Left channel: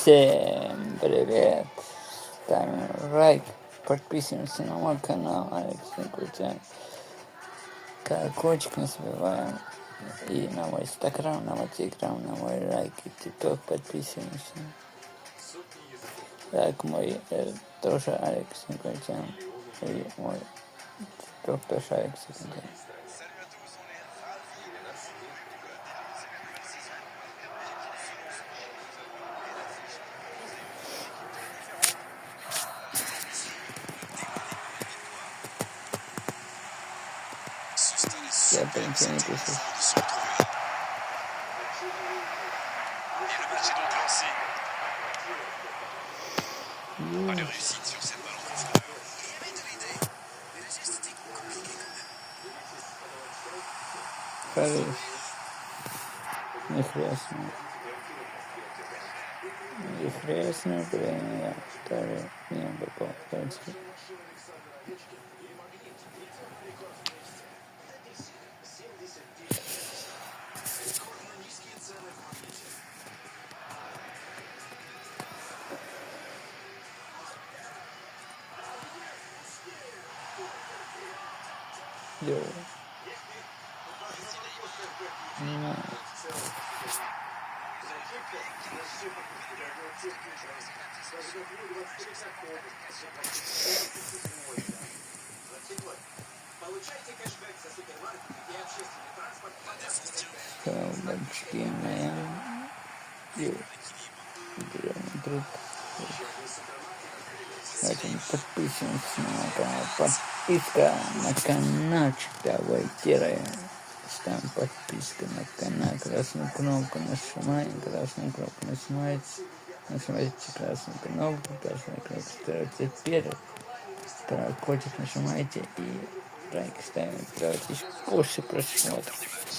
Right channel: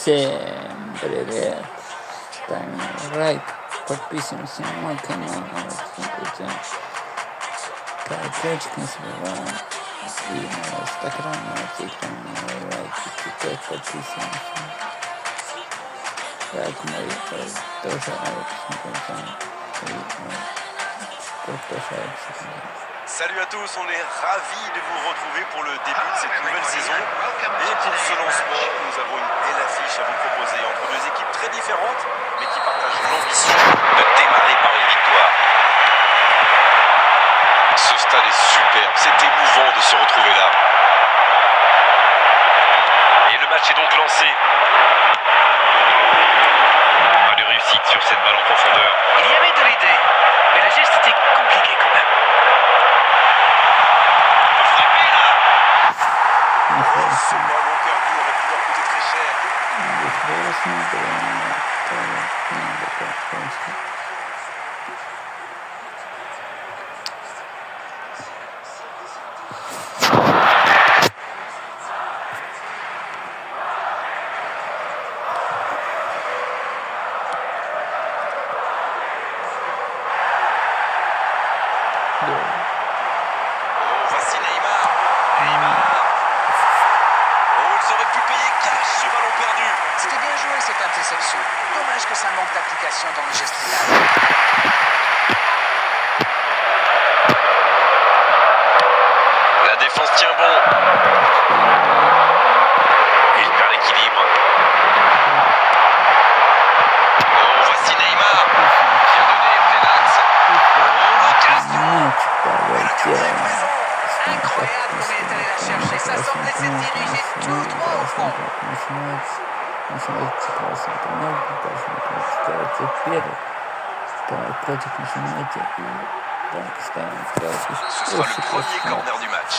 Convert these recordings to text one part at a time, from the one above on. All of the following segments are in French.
Всем привет! Ставим лайк, подписываемся на мой канал, колокольчик не забываем. И на Инстаграм, на Телеграм, на лайки, тикток подписываемся. Лайк мой тоже Алекс Николаевич. И мой тоже Алекс Николаевич. Salut à tous, on est ravis de vous retrouver pour le début de cette nouvelle saison. Et pour ce lancement, nous avons une belle affiche à vous proposer entre deux équipes très différentes, mais qui partagent l'ambition de démarrer par une victoire. Ce stade est superbe, c'est émouvant de se retrouver là. Et le match est donc lancé. Pas de réussite sur cette balle en profondeur. Il y avait de l'idée, mais le geste était compliqué quand même. Ce ballon perdu aurait pu leur coûter très cher. Voici Neymar. Oh, ils auraient pu payer cash ce ballon perdu. C'était bien joué cette interception. Dommage que ça manque d'application dans le geste final. La défense tient bon. Il perd l'équilibre. Oh, voici Neymar. Bien donné au Relax. Incroyable comme il est allé la chercher. Ça semblait s'être dirigé tout droit au fond. Против начинайте и так ставим Ce sera le premier corner du match.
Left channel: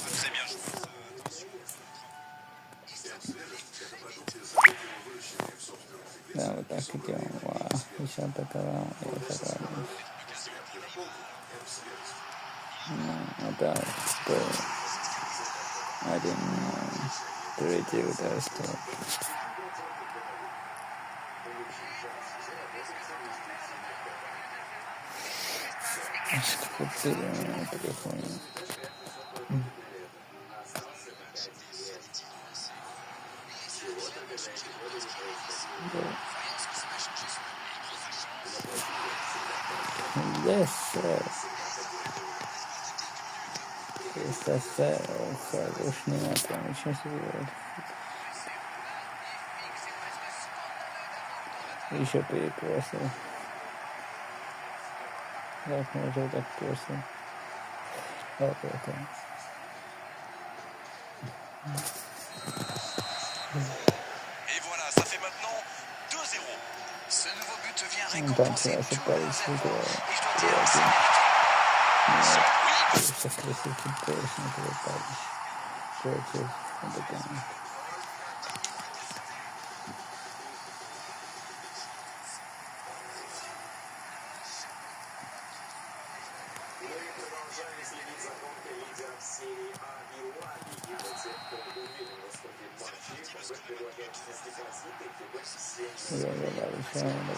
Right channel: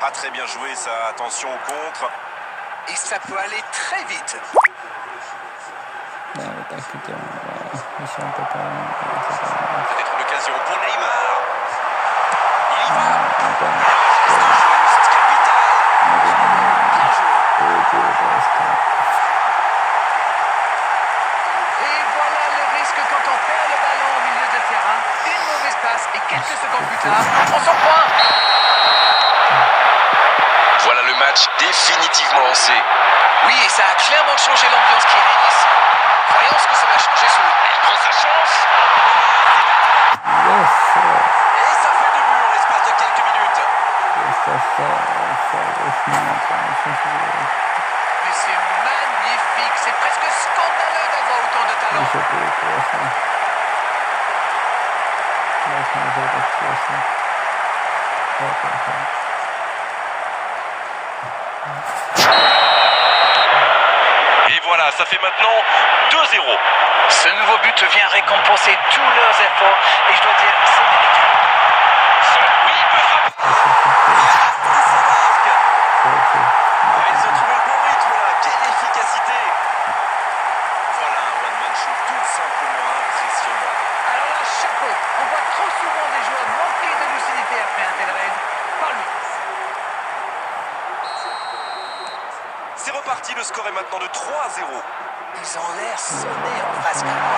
Pas très bien joué ça, attention au contre. Et ça peut aller très vite. Peut-être une occasion pour Neymar. Il y va. Et voilà le risque quand on perd le ballon au milieu de terrain. Une mauvaise passe et quelques secondes plus tard, on s'en point. Voilà le match définitivement lancé. Oui, et ça a clairement changé l'ambiance qui règne ici. Voyons ce que ça va changer sur le terrain. Il prend sa chance. Et ça fait 2 buts en l'espace de quelques minutes. Mais c'est magnifique. C'est presque scandaleux d'avoir autant de talent. Et voilà, ça fait maintenant 2-0. Ce nouveau but vient récompenser tous leurs efforts. Et je dois dire, c'est mérité. Oui, il peut frapper. Ils ont trouvé le bon rythme là. Quelle efficacité. Voilà un one-man show tout simplement impressionnant. Alors là, chapeau. On voit trop souvent des joueurs manquer de lucidité après un tel raid. Pas lui. C'est reparti, le score est maintenant de 3-0. Ils ont l'air sonnés en face cam. Il va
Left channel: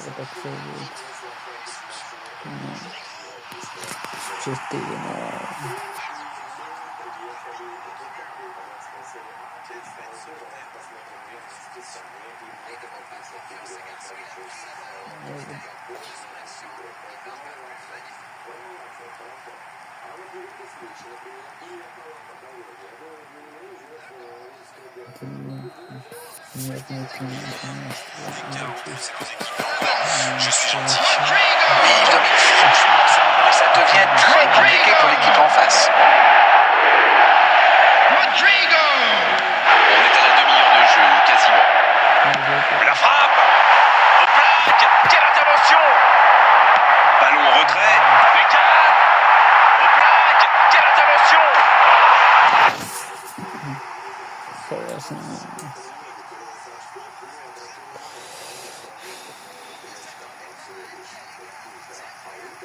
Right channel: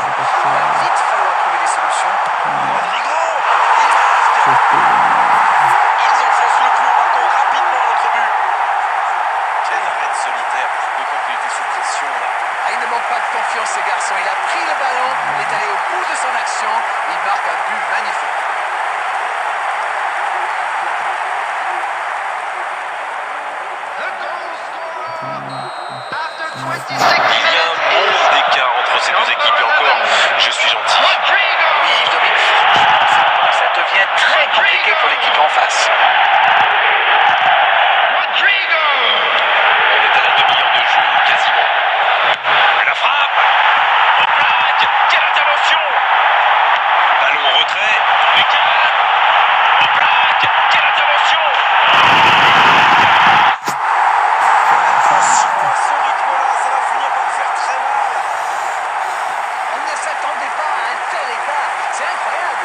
vite falloir trouver des solutions. Rodrigo. Ils enfoncent le clou maintenant rapidement à notre but. Quel arrêt solitaire, d'autant qu'il était sous pression là. Ah, il ne manque pas de confiance, ce garçon. Il a pris le ballon, il est allé au bout de son action. Il marque un but magnifique. Il y a un monde d'écart entre ces deux équipes et encore, je suis gentil. Oui, il domine franchement en ce moment et ça devient très compliqué pour l'équipe en face. On est à la demi-heure de jeu, quasiment. La frappe. Au plaque. Quelle intervention. Ballon en retrait. Lucas. Au plaque. Quelle intervention. Ce rythme-là, ça va finir par me faire très mal. On ne s'attendait pas à un tel écart. C'est incroyable.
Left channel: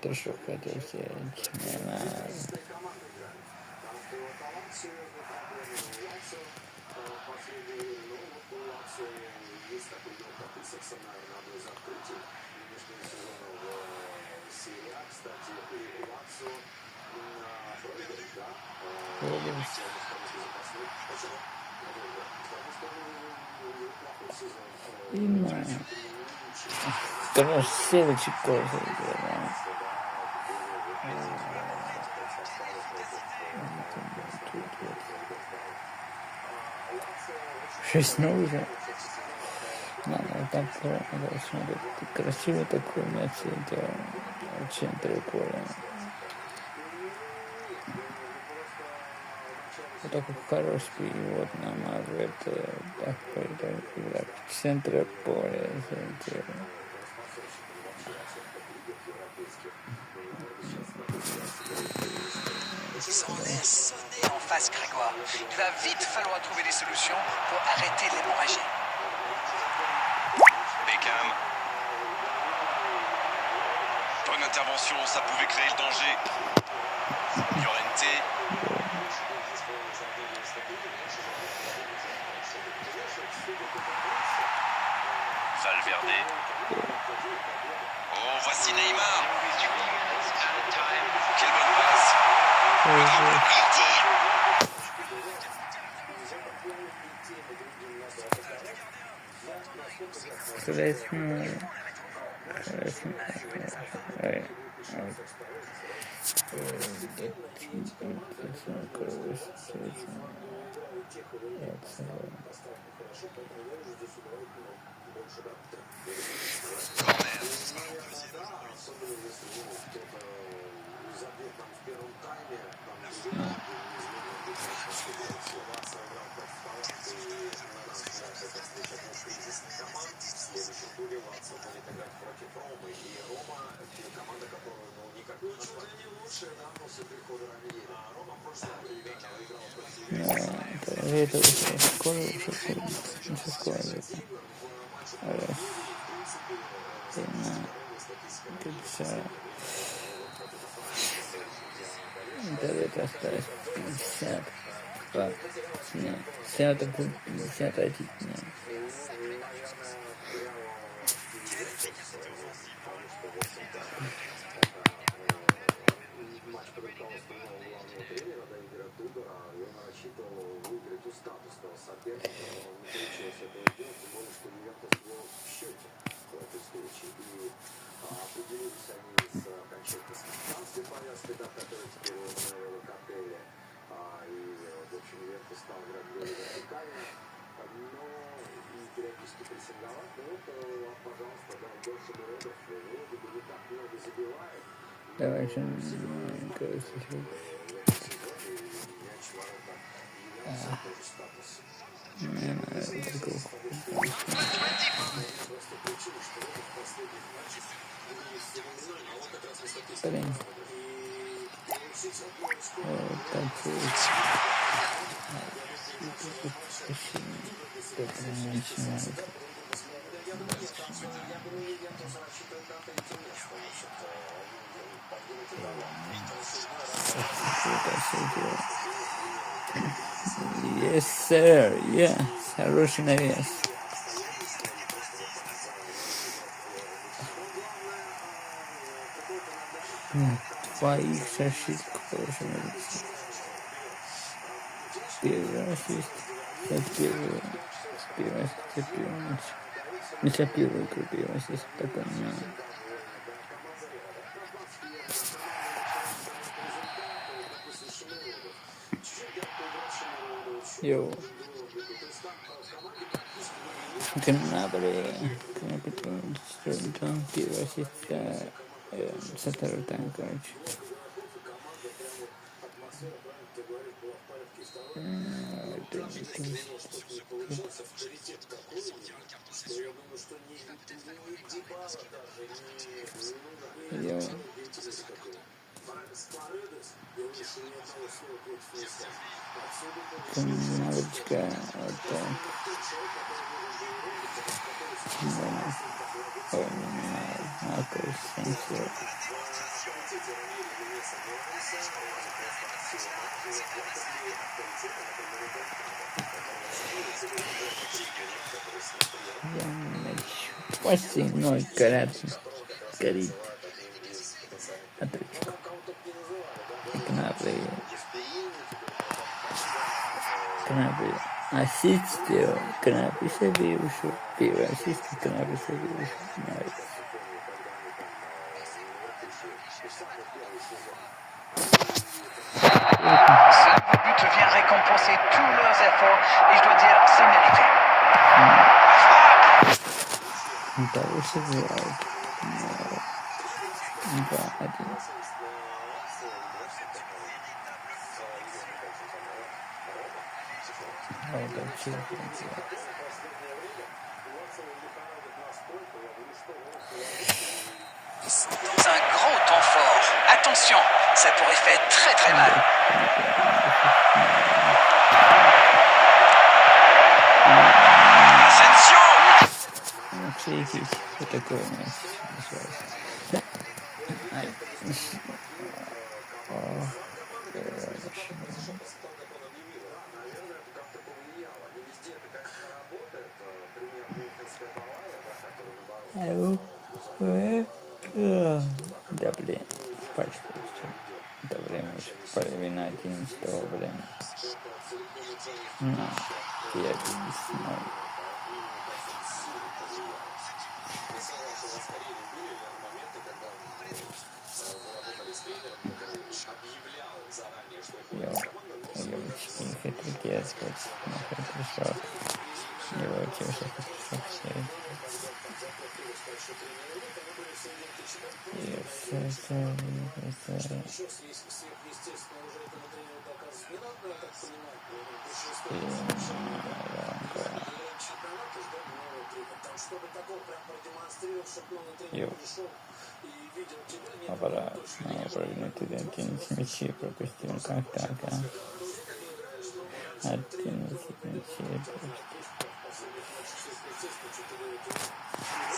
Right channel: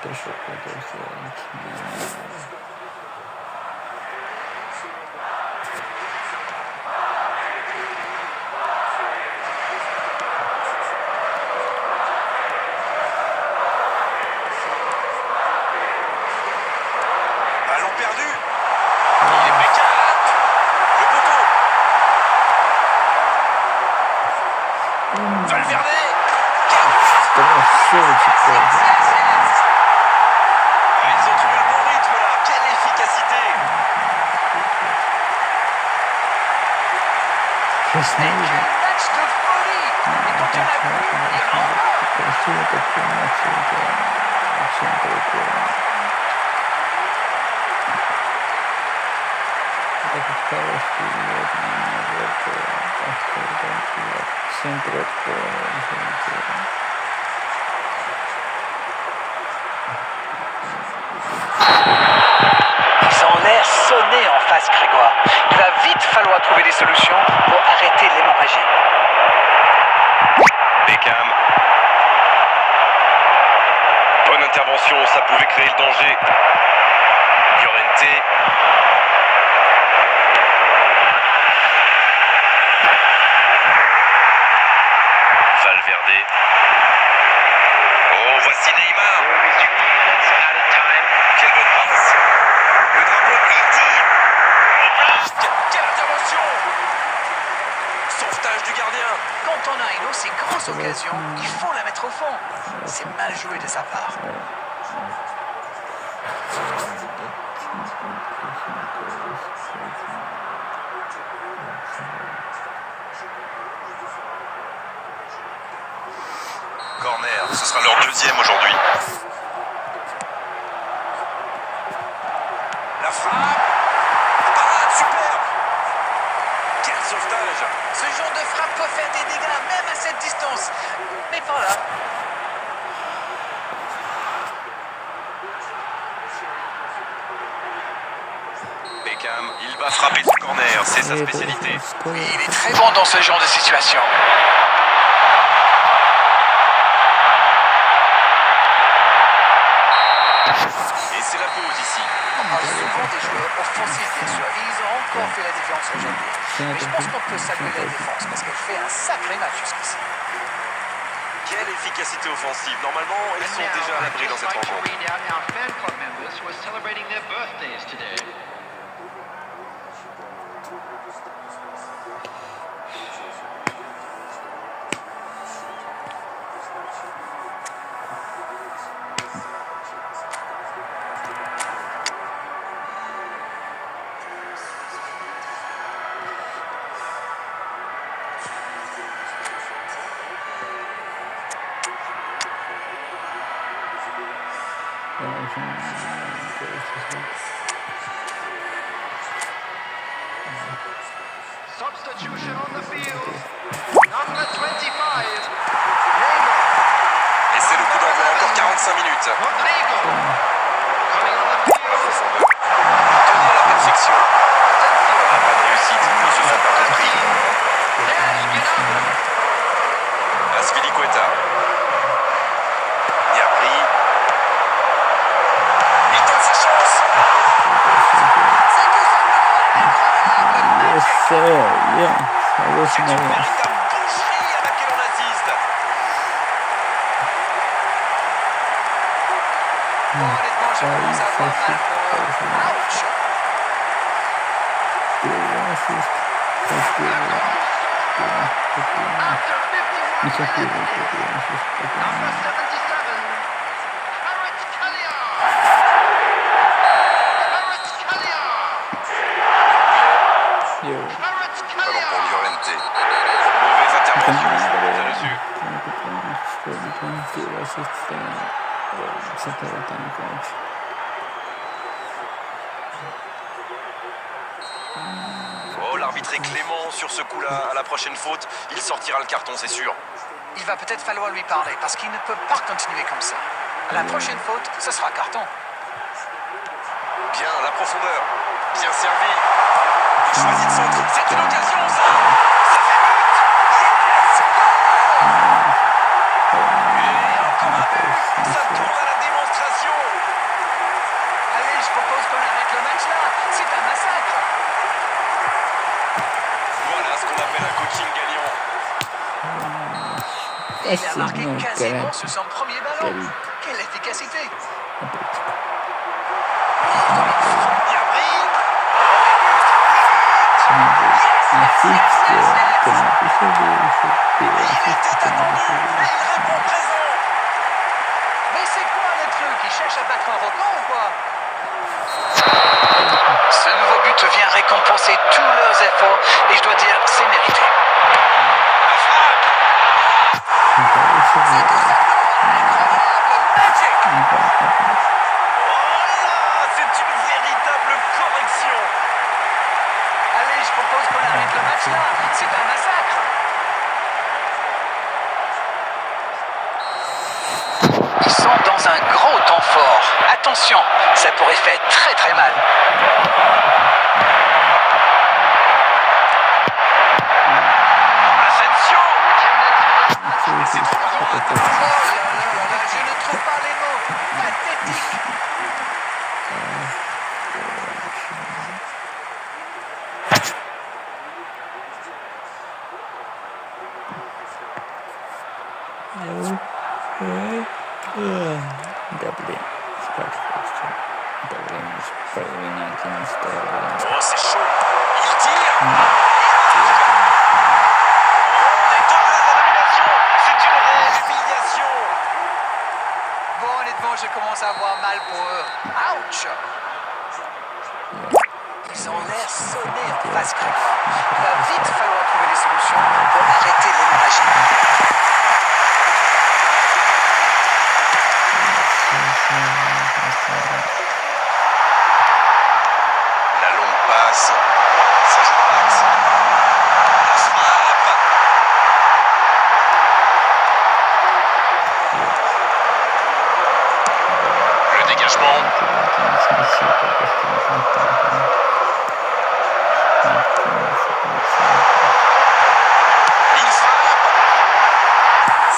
это что хотел сделать. Ballon perdu. Il est Beckham. Le poteau. Valverde. Comment c'est Ils ont trouvé le bon rythme là. Quelle efficacité. je знаю, Quel match de folie! Et quand on a vu les renforts, красиво такой матч, это очень прикольно. Это как хороший вот меня вот в центре поля. ils ont l'air sonnés en face, Grégoire. Il va vite falloir trouver des solutions pour arrêter l'hémorragie. Beckham. Bonne intervention, ça pouvait créer le danger. Llorente. Valverde. Oh, voici Neymar. Quelle bonne passe. Le dribble, il tire. Quelle intervention. Sauvetage du gardien. Quand on a une aussi grosse occasion, il faut la mettre au fond. C'est mal joué de sa part. Corner, ce sera leur deuxième aujourd'hui. La frappe. Parade superbe. Quel sauvetage. Ce genre de frappe peut faire des dégâts, même à cette distance. Mais pas là. Beckham, il va frapper ce corner, c'est sa spécialité. Il est très bon dans ce genre de situation. Et c'est la pause ici. Souvent des joueurs offensifs déçoivent. Ils ont encore fait la différence aujourd'hui. Mais je pense qu'on peut saluer la défense parce qu'elle fait un sacré match jusqu'ici. Quelle efficacité offensive. Normalement, ils sont déjà à l'abri dans cette rencontre. Substitution on the field. Number 25. Et c'est le coup d'envoi, encore 45 minutes. Rodrigo. Coming on the field. Tenir la perfection. Ah, pas de réussite, ils se sont pas compris. Azpilicueta. Gnabry. Il donne sa chance. Yes, sir. Yeah. Хороший Une навес. véritable boucherie à laquelle on assiste. Honnêtement, je commence à avoir mal. Ouch. Первый ассист. Первый. Не за первый, первый ассист. Потом Йоу. Ballon pour Llorente. Mauvaise intervention. Déçu. Первый ассист с этого танка. Oh, l'arbitre est clément sur ce coup-là. À la prochaine faute, il sortira le carton, c'est sûr. Il va peut-être falloir lui parler parce qu'il ne peut pas continuer comme ça. À la prochaine faute, ce sera carton. Bien, la profondeur. Bien servi. Il choisit de centre. C'est une occasion, ça. Ça fait but. Et encore un but. Ça tourne à la démonstration. propose qu'on arrête le match là. C'est un massacre. Voilà ce qu'on appelle un coaching gagnant. Il a marqué quasiment sur son premier ballon. Quelle efficacité. Mais c'est quoi le truc? Il cherche à battre un record ou quoi? Ce nouveau but vient récompenser tous leurs efforts et je dois dire, c'est mérité. C'est une véritable correction. Allez, je propose qu'on arrête le match là. C'est un massacre. Ils sont dans un gros temps fort. Attention, ça pourrait faire très très mal. Asensio. Je ne trouve pas les mots. Pathétique. Oh, c'est chaud. Il tire. Les deux élimination. C'est une réelle humiliation. Bon, honnêtement, je commence à avoir mal pour eux. Ouch! Ils ont l'air sonnés en face caméra. Il va vite falloir trouver des solutions pour arrêter l'hémorragie. La longue passe. Ça joue dans l'axe. La frappe. Le dégagement. Il frappe.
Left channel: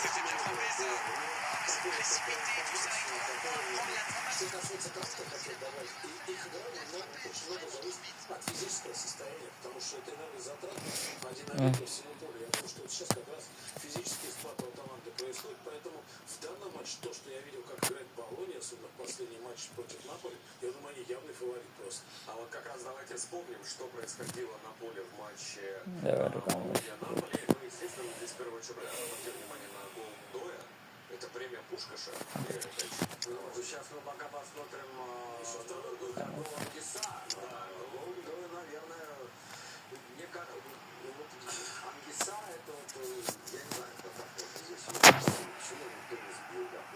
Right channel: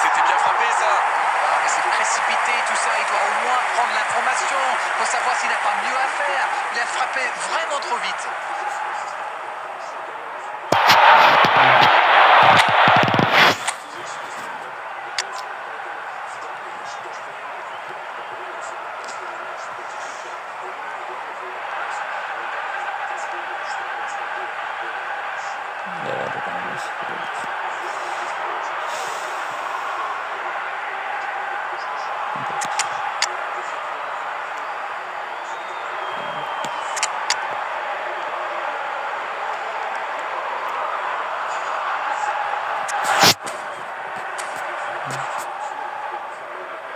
C'était bien frappé ça. Ah, mais c'est précipité, tout ça. Il doit au moins prendre l'information pour savoir s'il n'a pas mieux à faire. Il a frappé vraiment trop vite.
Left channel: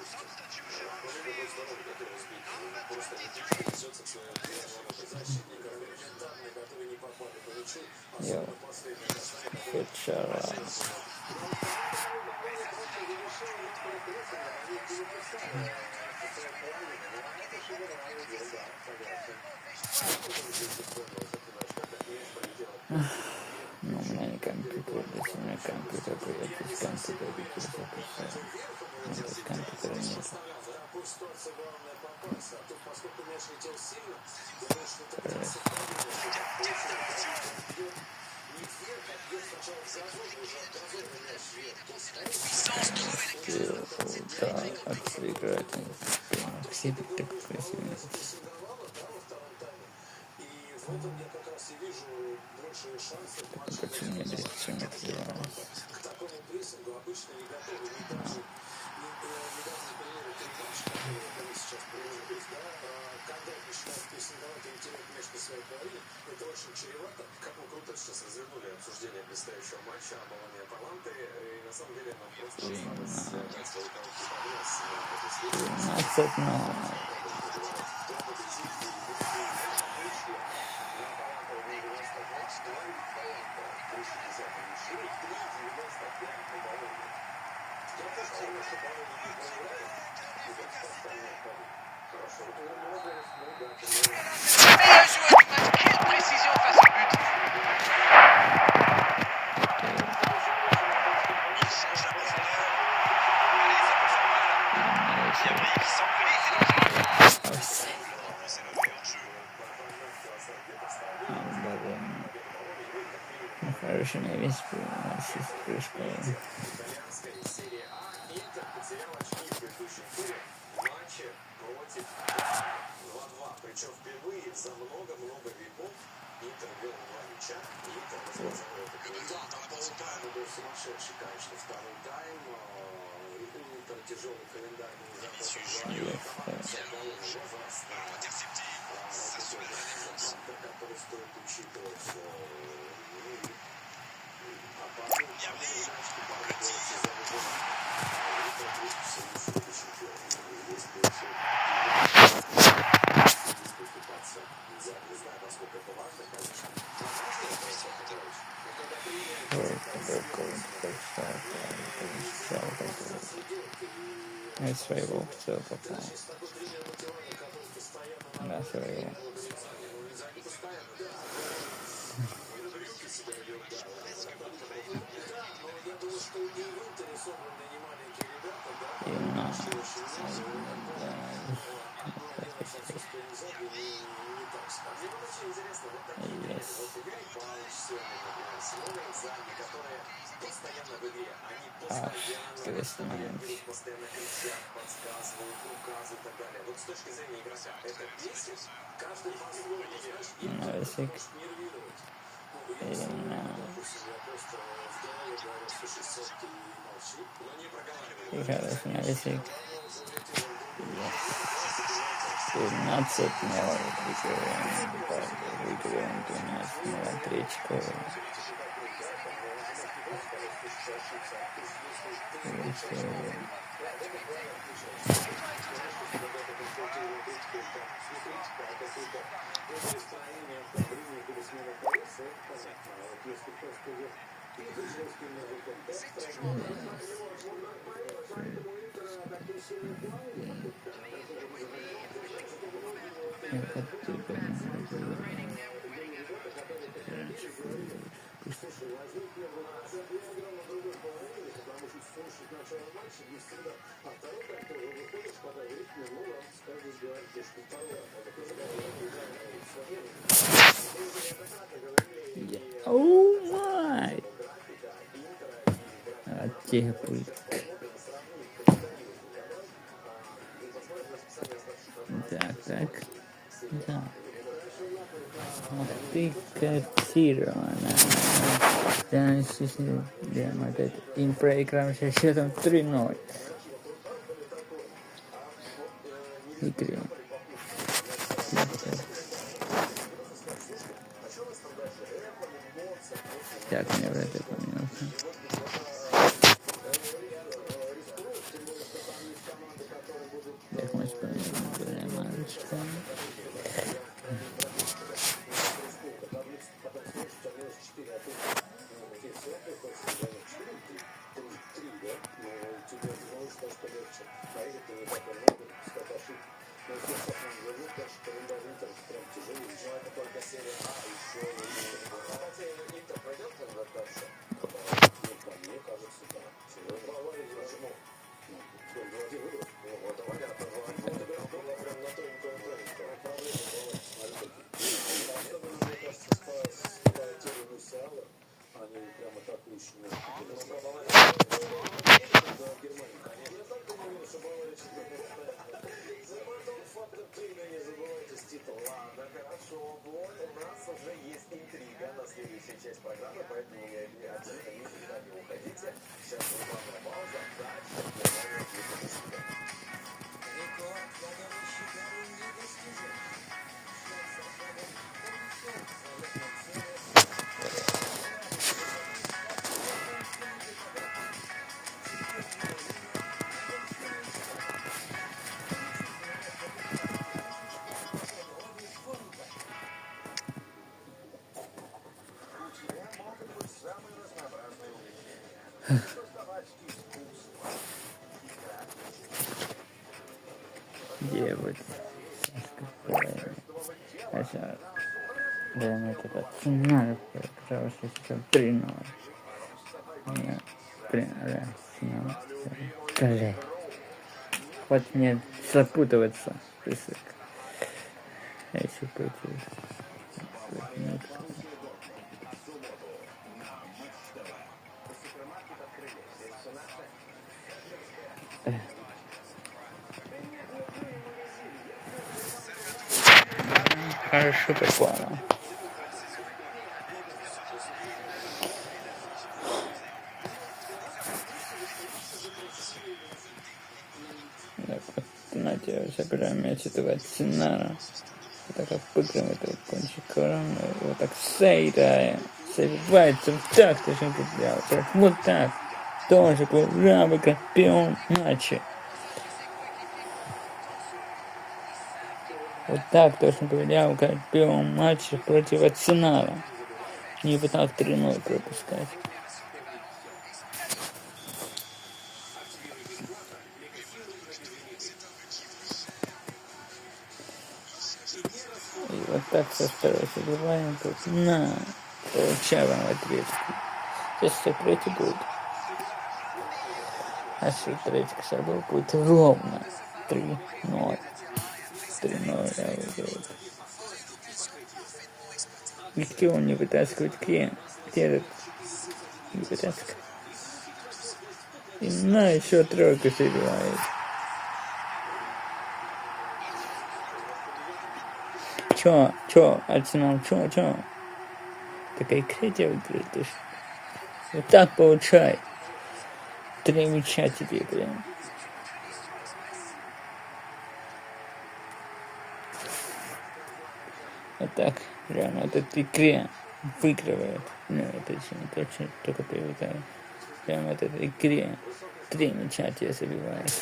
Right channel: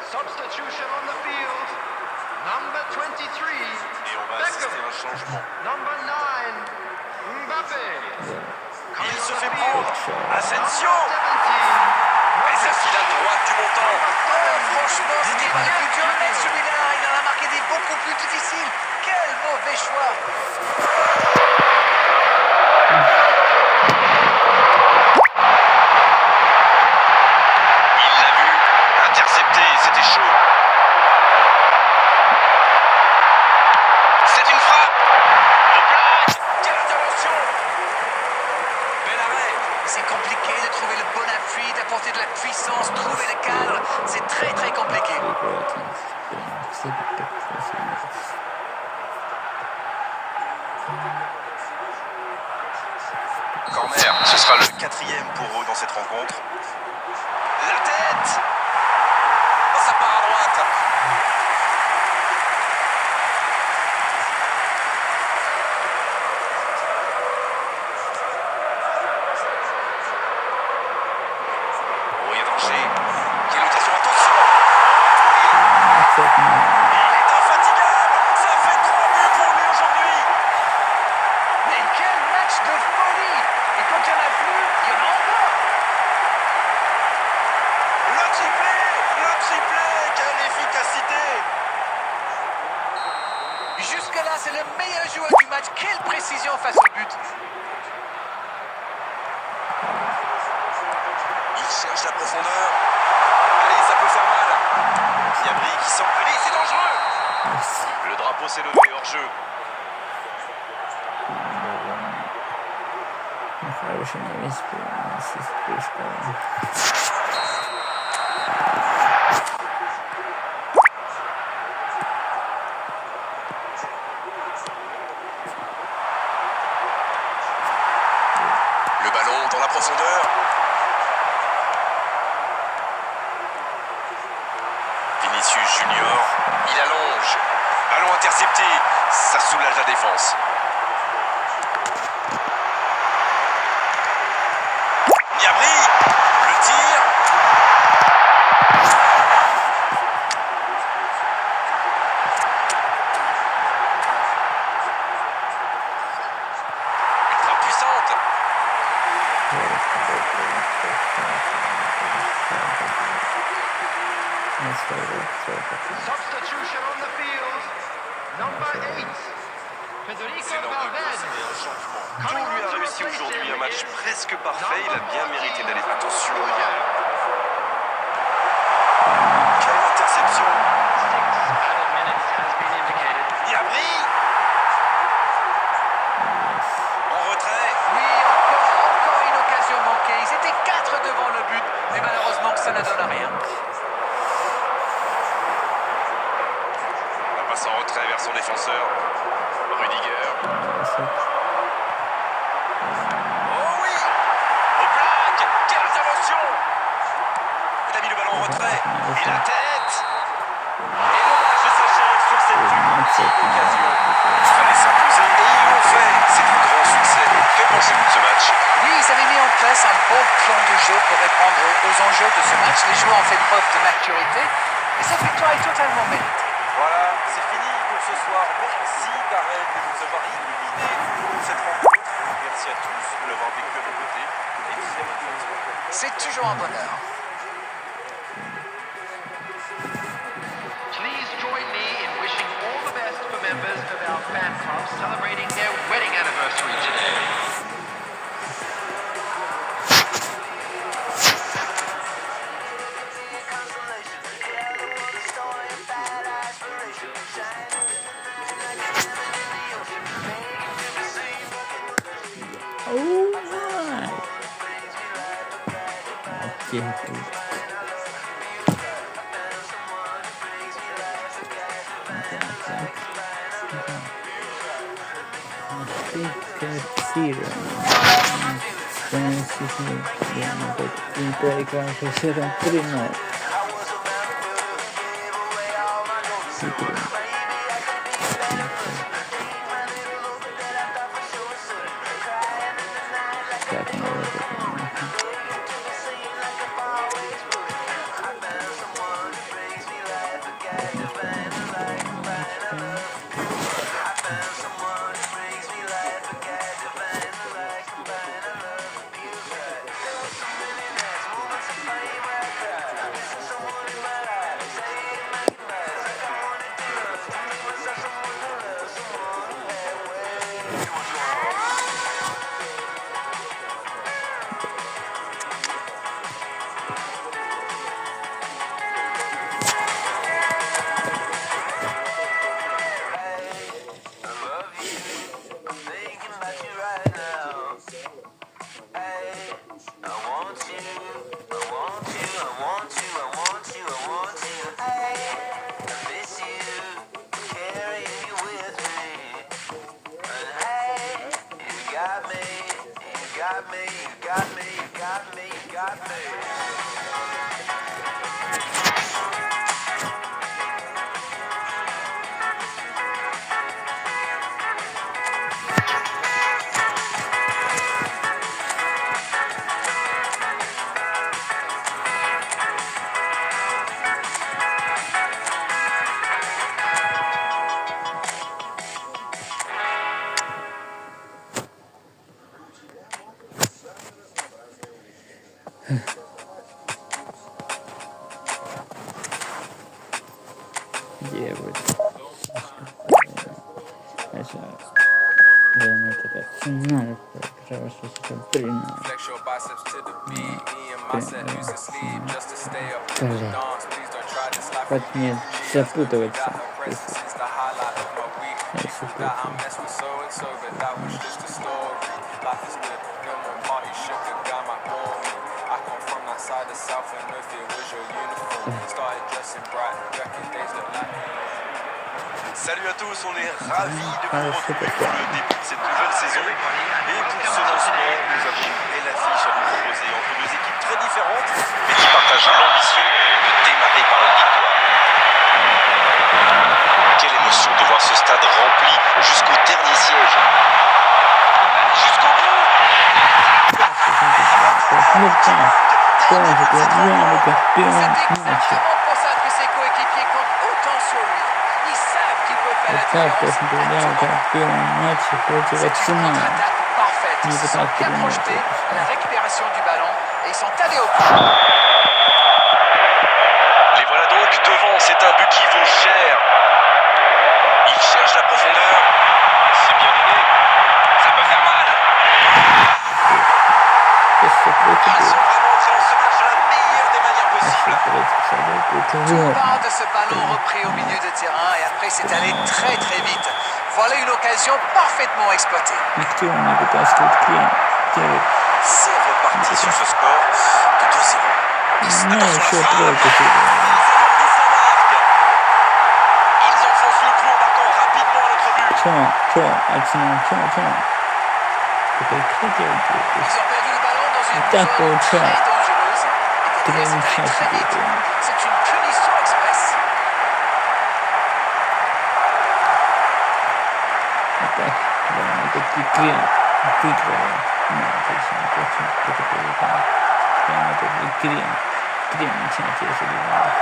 Substitution on the field. Number 23. Et on va assister à un changement. Number 9. Mbappé. Il se fait prendre. Asensio. 17. Et ça file à droite du montant. Franchement, c'était pas le plus dur à mettre celui-là. Il en a marqué des beaucoup plus difficiles. Quel mauvais choix. Il l'a vu. Intercepté. C'était chaud. C'est une frappe. En plaque. Quelle intervention. Bel arrêt. C'est compliqué de trouver le bon appui, d'apporter de la puissance, trouver le cadre. C'est très très compliqué. Corner. Ce sera le 4e pour eux dans cette rencontre. La tête. Oh, ça part à droite. Oh, il y a danger. Quelle notation, attention. Il est infatigable. Ça fait 3 buts pour lui aujourd'hui. Mais quel match de folie! Et quand il n'y en a plus, il y en a encore! Le triplé, quelle efficacité. Jusque-là, c'est le meilleur joueur du match. Quelle précision face au but! Il cherche la profondeur. Allez, ça peut faire mal. Diabri qui sent. Allez, c'est dangereux. l'arbitre s'est levé hors jeu. Хороший не весь Le ballon dans la profondeur. Vinicius Junior, il allonge. Ballon intercepté, ça soulage la défense. Niabri, le tir. Ultra puissante. Substitution on the field. Number 8. Federico C'est l'heure de Valverde. procéder à un changement. Tout lui a réussi aujourd'hui, un match presque parfait. Il a bien mérité d'aller. Attention. Quelle interception. 6 added minutes has been indicated. Niabri. En retrait. Oui, encore une occasion manquée. Ils étaient 4 devant le but, mais malheureusement ça ne donne rien. La passe en retrait vers son défenseur. Rudiger. Oh oui. Au blague. Quelle intervention. Il a mis le ballon en retrait. Et la tête. Et le match s'achève sur cette ultime occasion. Il fallait s'imposer et ils l'ont fait. C'est un grand succès. Que pensez-vous de ce match? Oui, ils avaient mis en place un bon plan de jeu pour répondre aux enjeux de ce match. Les joueurs ont fait preuve de maturité et cette victoire est totalement méritée. Voilà, c'est fini pour ce soir. Merci Darren de nous avoir illuminé cette rencontre. Merci à tous de l'avoir vécu à vos côtés. Et très bonne fête. C'est toujours un bonheur. Please join me in wishing all the best for members of our fan club celebrating their wedding anniversary today. Oh my! Ok, cool. Attack. Zero. In playground hicieron 3-0. Sí, ya que no voy a terminar. Девочки. Хотя, думаю, это финал, потому что сейчас 3-0. Блин. Хоть не запутываться. Salut à tous, on est ravis de vous retrouver pour le début de cette nouvelle saison. Et pour ce lancement, nous avons une belle affiche à vous proposer entre deux équipes très différentes, mais qui partagent l'ambition de démarrer par une victoire. Quelle émotion de voir ce stade rempli jusqu'au dernier siège. Так, то есть потерял первом матче против Арсенала. Не пытался переносить это. Les voilà donc devant, c'est un but qui vaut cher. Il cherche la profondeur. C'est bien mené. Ça peut faire mal. Ils sont vraiment entrés dans ce match de la meilleure des manières possibles. Part de ce ballon repris au milieu de terrain et après c'est allé très très vite. Voilà une occasion parfaitement exploitée. C'est reparti sur ce score de 2-0. Ну, еще тройку сыграл. Ils enfoncent le clou en marquant rapidement à notre but. Чё, Арсенал, чё? Прекратил Ils ont perdu le ballon dans une Так zone получается. très dangereuse. Et Три très мяча vite. тебе. C'est une punition express. А так, главное, это игре выигрывает. Ну, точно, только проиграл. Прямо это в игре. Игре мяча тебе забивает.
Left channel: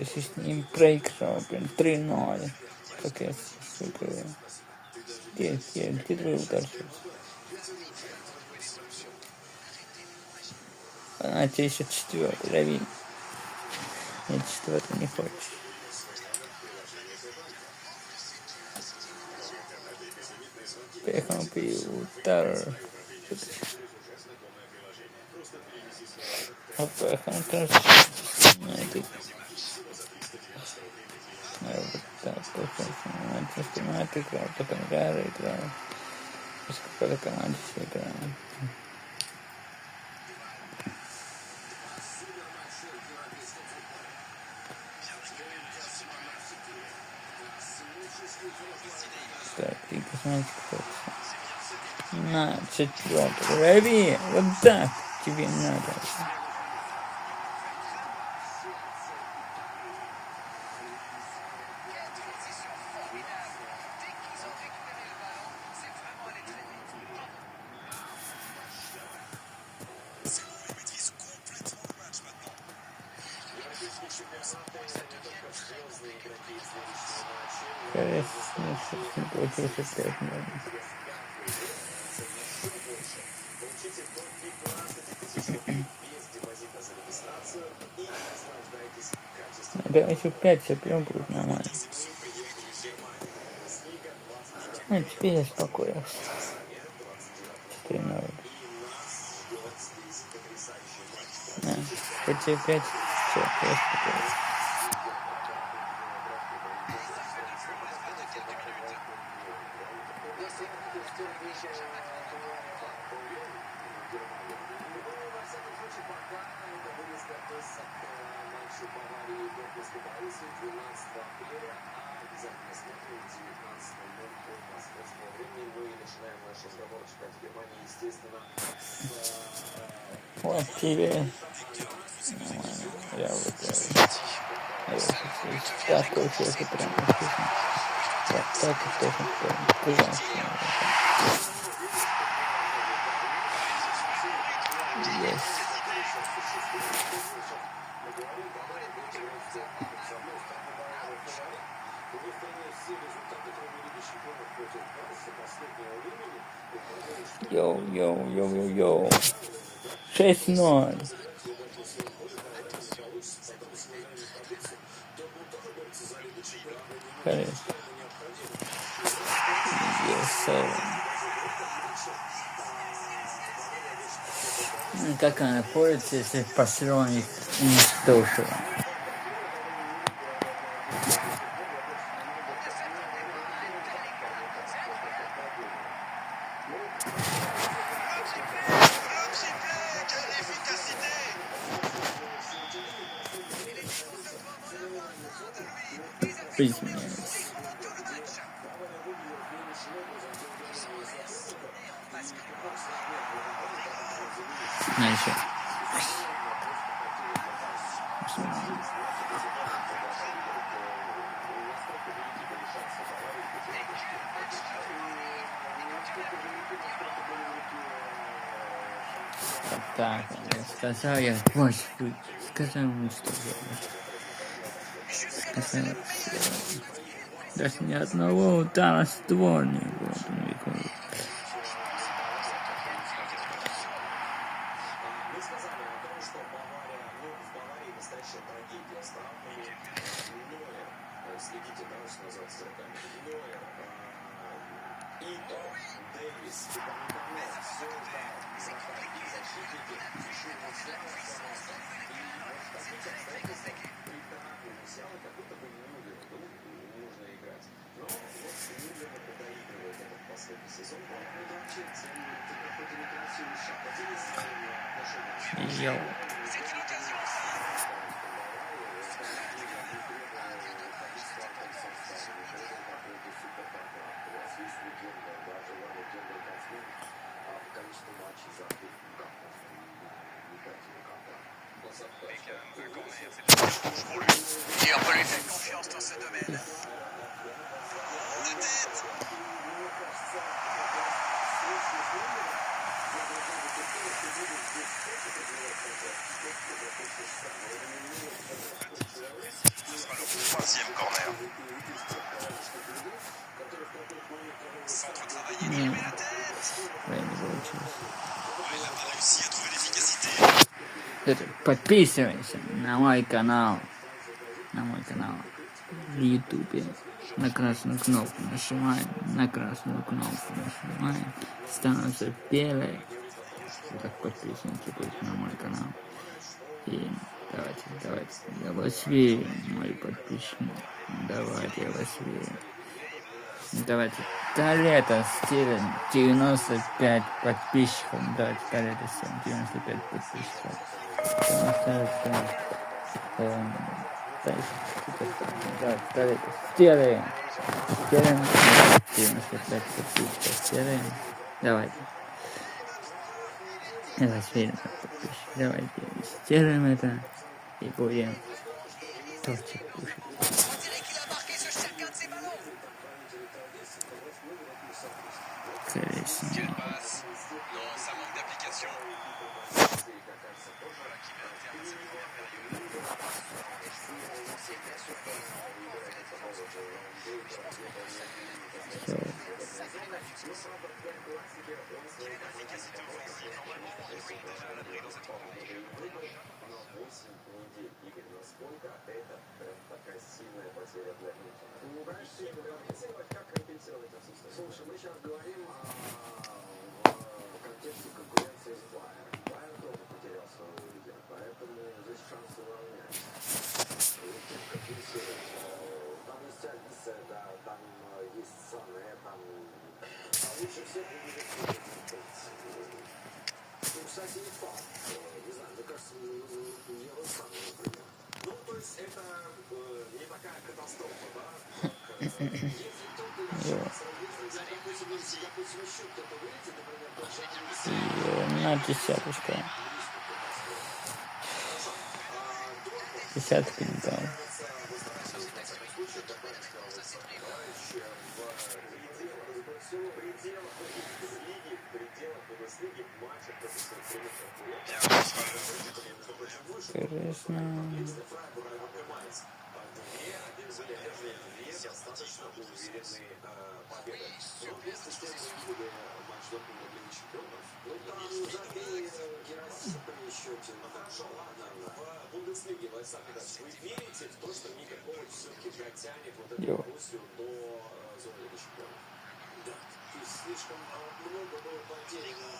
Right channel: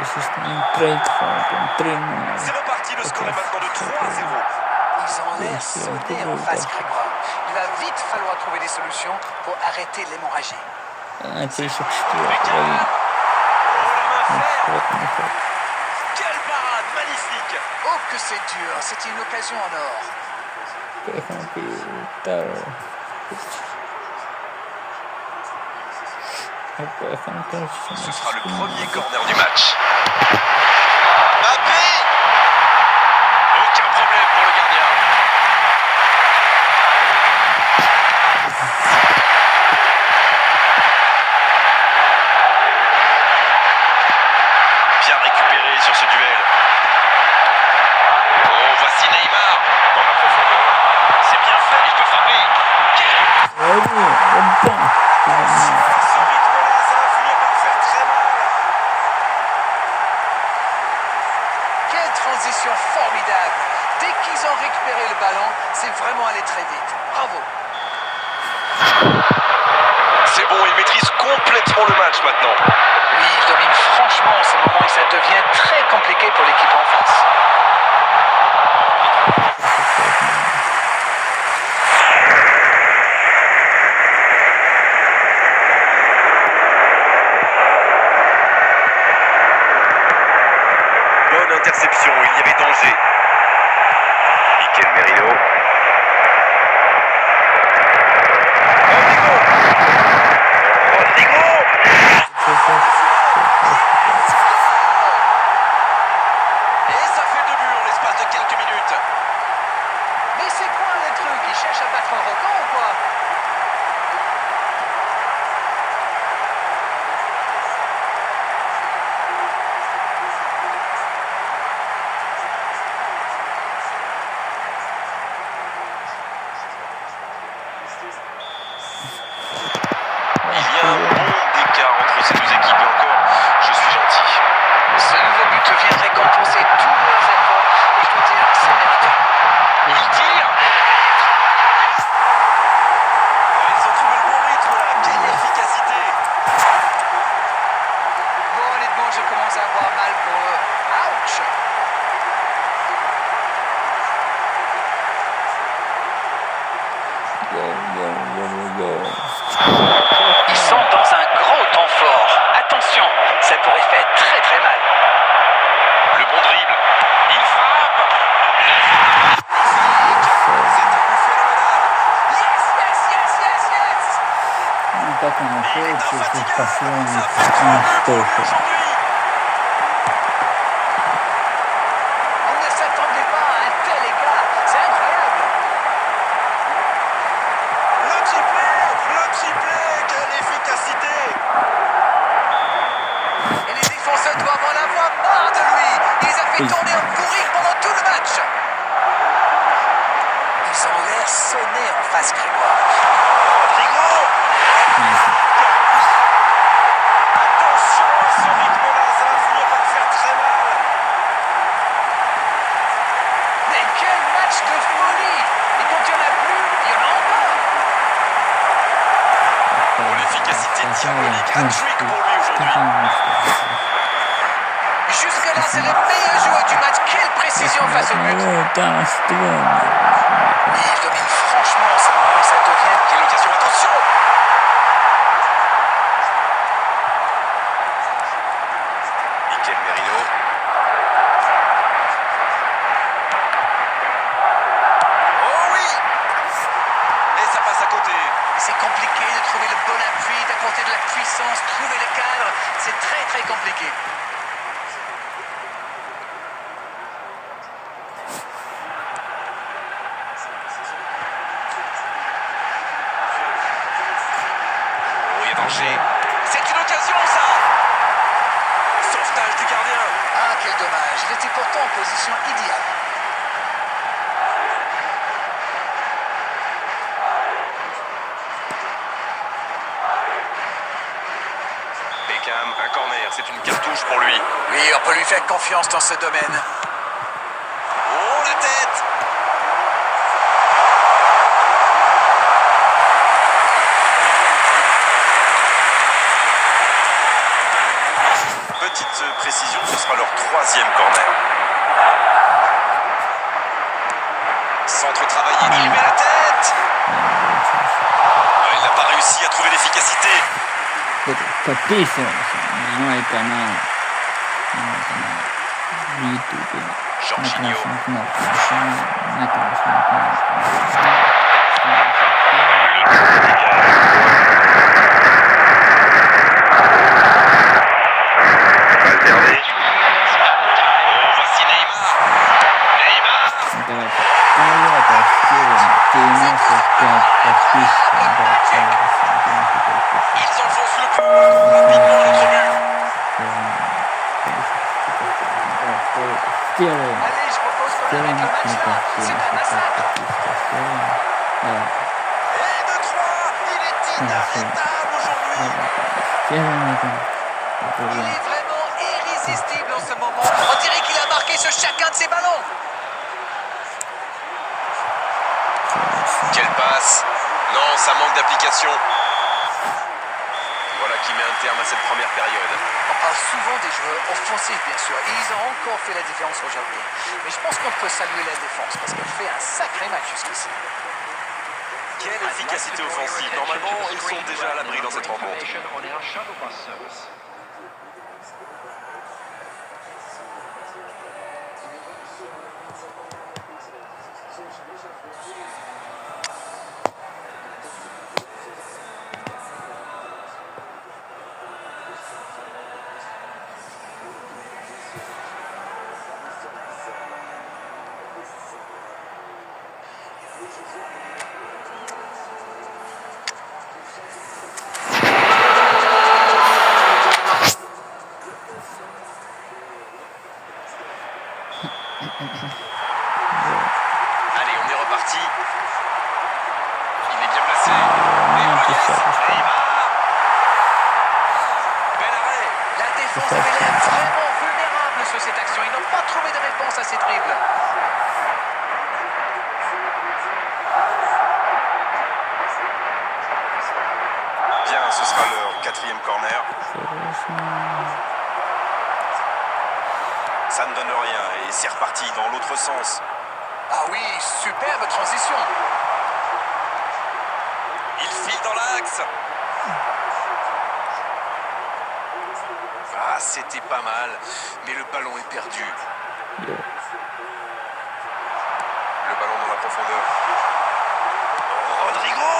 Естественно, проиграл, прям 3-0. C'est reparti, le score est maintenant de 3-0. Ils ont l'air soudés en face Grégoire. Il va vite falloir trouver des solutions pour arrêter l'hémorragie. А, тебе еще 4-й лови. Quelle parade magnifique. Oh que c'est dur, c'était une occasion en or. Ce sera le premier corner du match. Mbappé. Aucun problème pour le gardien. Bien récupéré sur ce duel. Oh, voici Neymar. Dans la profondeur. C'est bien fait, il peut frapper. Ce rythme-là, ça va finir par faire très mal. Quelle transition formidable. Dès qu'ils ont récupéré le ballon, c'est vraiment allé très vite. Bravo. C'est bon, il maîtrise complètement le match maintenant. Oui, il domine franchement en ce moment et ça devient très compliqué pour l'équipe en face. Bonne interception, il y avait danger. Mikel Merino. Rodrigo. Et ça fait 2 buts en l'espace de quelques minutes. Mais c'est quoi le truc? Ils cherchent à battre un record ou quoi? Il y a un monde d'écart entre ces deux équipes et encore, je suis gentil. Ce nouveau but vient récompenser tous leurs efforts et je dois dire que c'est mérité. Il tire. Ils ont trouvé le bon rythme là, quelle efficacité. Bon, honnêtement, je commence à avoir mal pour eux. Ouch! Ils sont dans un gros temps fort. Attention, ça pourrait faire très très mal. Le bon dribble. Il frappe. C'est un but phénoménal. Yes, yes, yes, yes, yes! atacan al juego, sus pasiones, un Aujourd'hui. espejo. On ne s'attendait pas à un tel écart. C'est incroyable. Le triplé, quelle efficacité! Et les défenseurs doivent en avoir marre de lui. Il les a fait Oui. tourner en bourrique pendant tout le match. Ils ont l'air sonnés en face, Grégoire. Rodrigo! Nice. Attention à ce rythme-là, ça va finir par faire très mal. Mais quel match de folie. Et quand il n'y en a plus, il y en a encore. L'efficacité diabolique, hat-trick pour lui aujourd'hui. Jusque-là, c'est le meilleur joueur du match. Quelle précision face au but. Il domine franchement ce moment et ça devient... Quelle occasion, attention! Mikel Merino. Oh oui! Et ça passe à côté. C'est compliqué de trouver le bon appui, d'apporter de la puissance, trouver le cadre. C'est très très compliqué. Oh, il y a danger. C'est une occasion, ça! Sauvetage du gardien. Ah, quel dommage. Il était pourtant en position idéale. Beckham, un corner, c'est une cartouche pour lui. Oui, on peut lui faire confiance dans ce domaine. Oh, la tête! Petite précision, ce sera leur troisième corner. Centre travaillé, il met la tête! Il n'a pas réussi à trouver l'efficacité. Patricio, no hay canal. YouTube. Jorginho. Voici Neymar. Neymar. Давайте, Стивен, 95 подписчиков, Ils enfoncent le coup. Rapidement notre but. Стивен, Allez, je propose qu'on Стивен, arrête là. Давай. Et de 3, il est inarrêtable aujourd'hui. Стивен, Il est vraiment irrésistible en ce moment. On dirait qu'il a marqué sur chacun de ses ballons. Quelle passe. Non, ça manque d'application. Voilà qui met un terme à cette première période. On parle souvent des joueurs offensifs, bien sûr, et ils ont encore fait la différence aujourd'hui. Mais je pense qu'on peut saluer la défense parce qu'elle fait un sacré match jusqu'ici. Quelle efficacité offensive. Normalement, ils sont déjà à l'abri dans cette rencontre. On est en shuttle bus service. Allez, on est reparti. Il est bien placé. Bel arrêt. La défense avait l'air vraiment vulnérable sur cette action. Ils n'ont pas trouvé de réponse à ces dribbles. Bien, ce sera leur quatrième corner. Ça ne donne rien et c'est reparti dans l'autre sens. Ah oui, superbe transition. Il file dans l'axe. Ah, c'était pas mal, mais le ballon est perdu. Le ballon dans la profondeur. Rodrigo!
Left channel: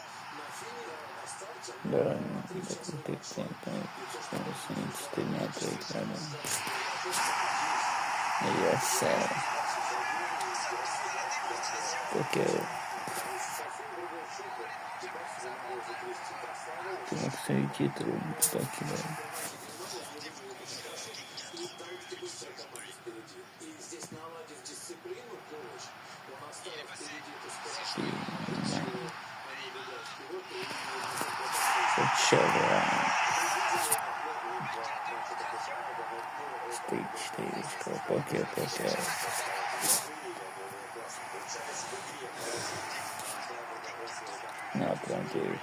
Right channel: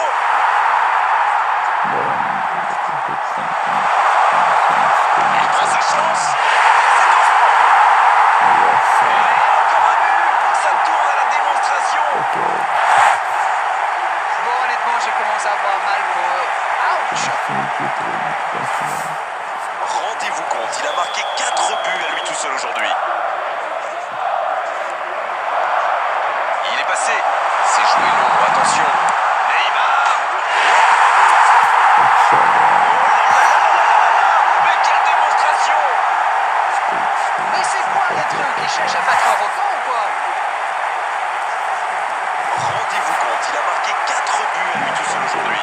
Il croit sa chance. Yes, Et encore un but. Ça tourne à la démonstration. ok. Bon, honnêtement, je commence à avoir mal pour eux. Ouch! Rendez-vous compte, il a marqué 4 buts à lui tout seul aujourd'hui. Il est passé. C'est joué long, attention. Neymar. Oh là là là là là là. Mais quelle démonstration. Mais c'est quoi le truc? Ils cherchent à battre un record ou quoi? Rendez-vous compte, il a marqué 4 buts à lui tout seul aujourd'hui.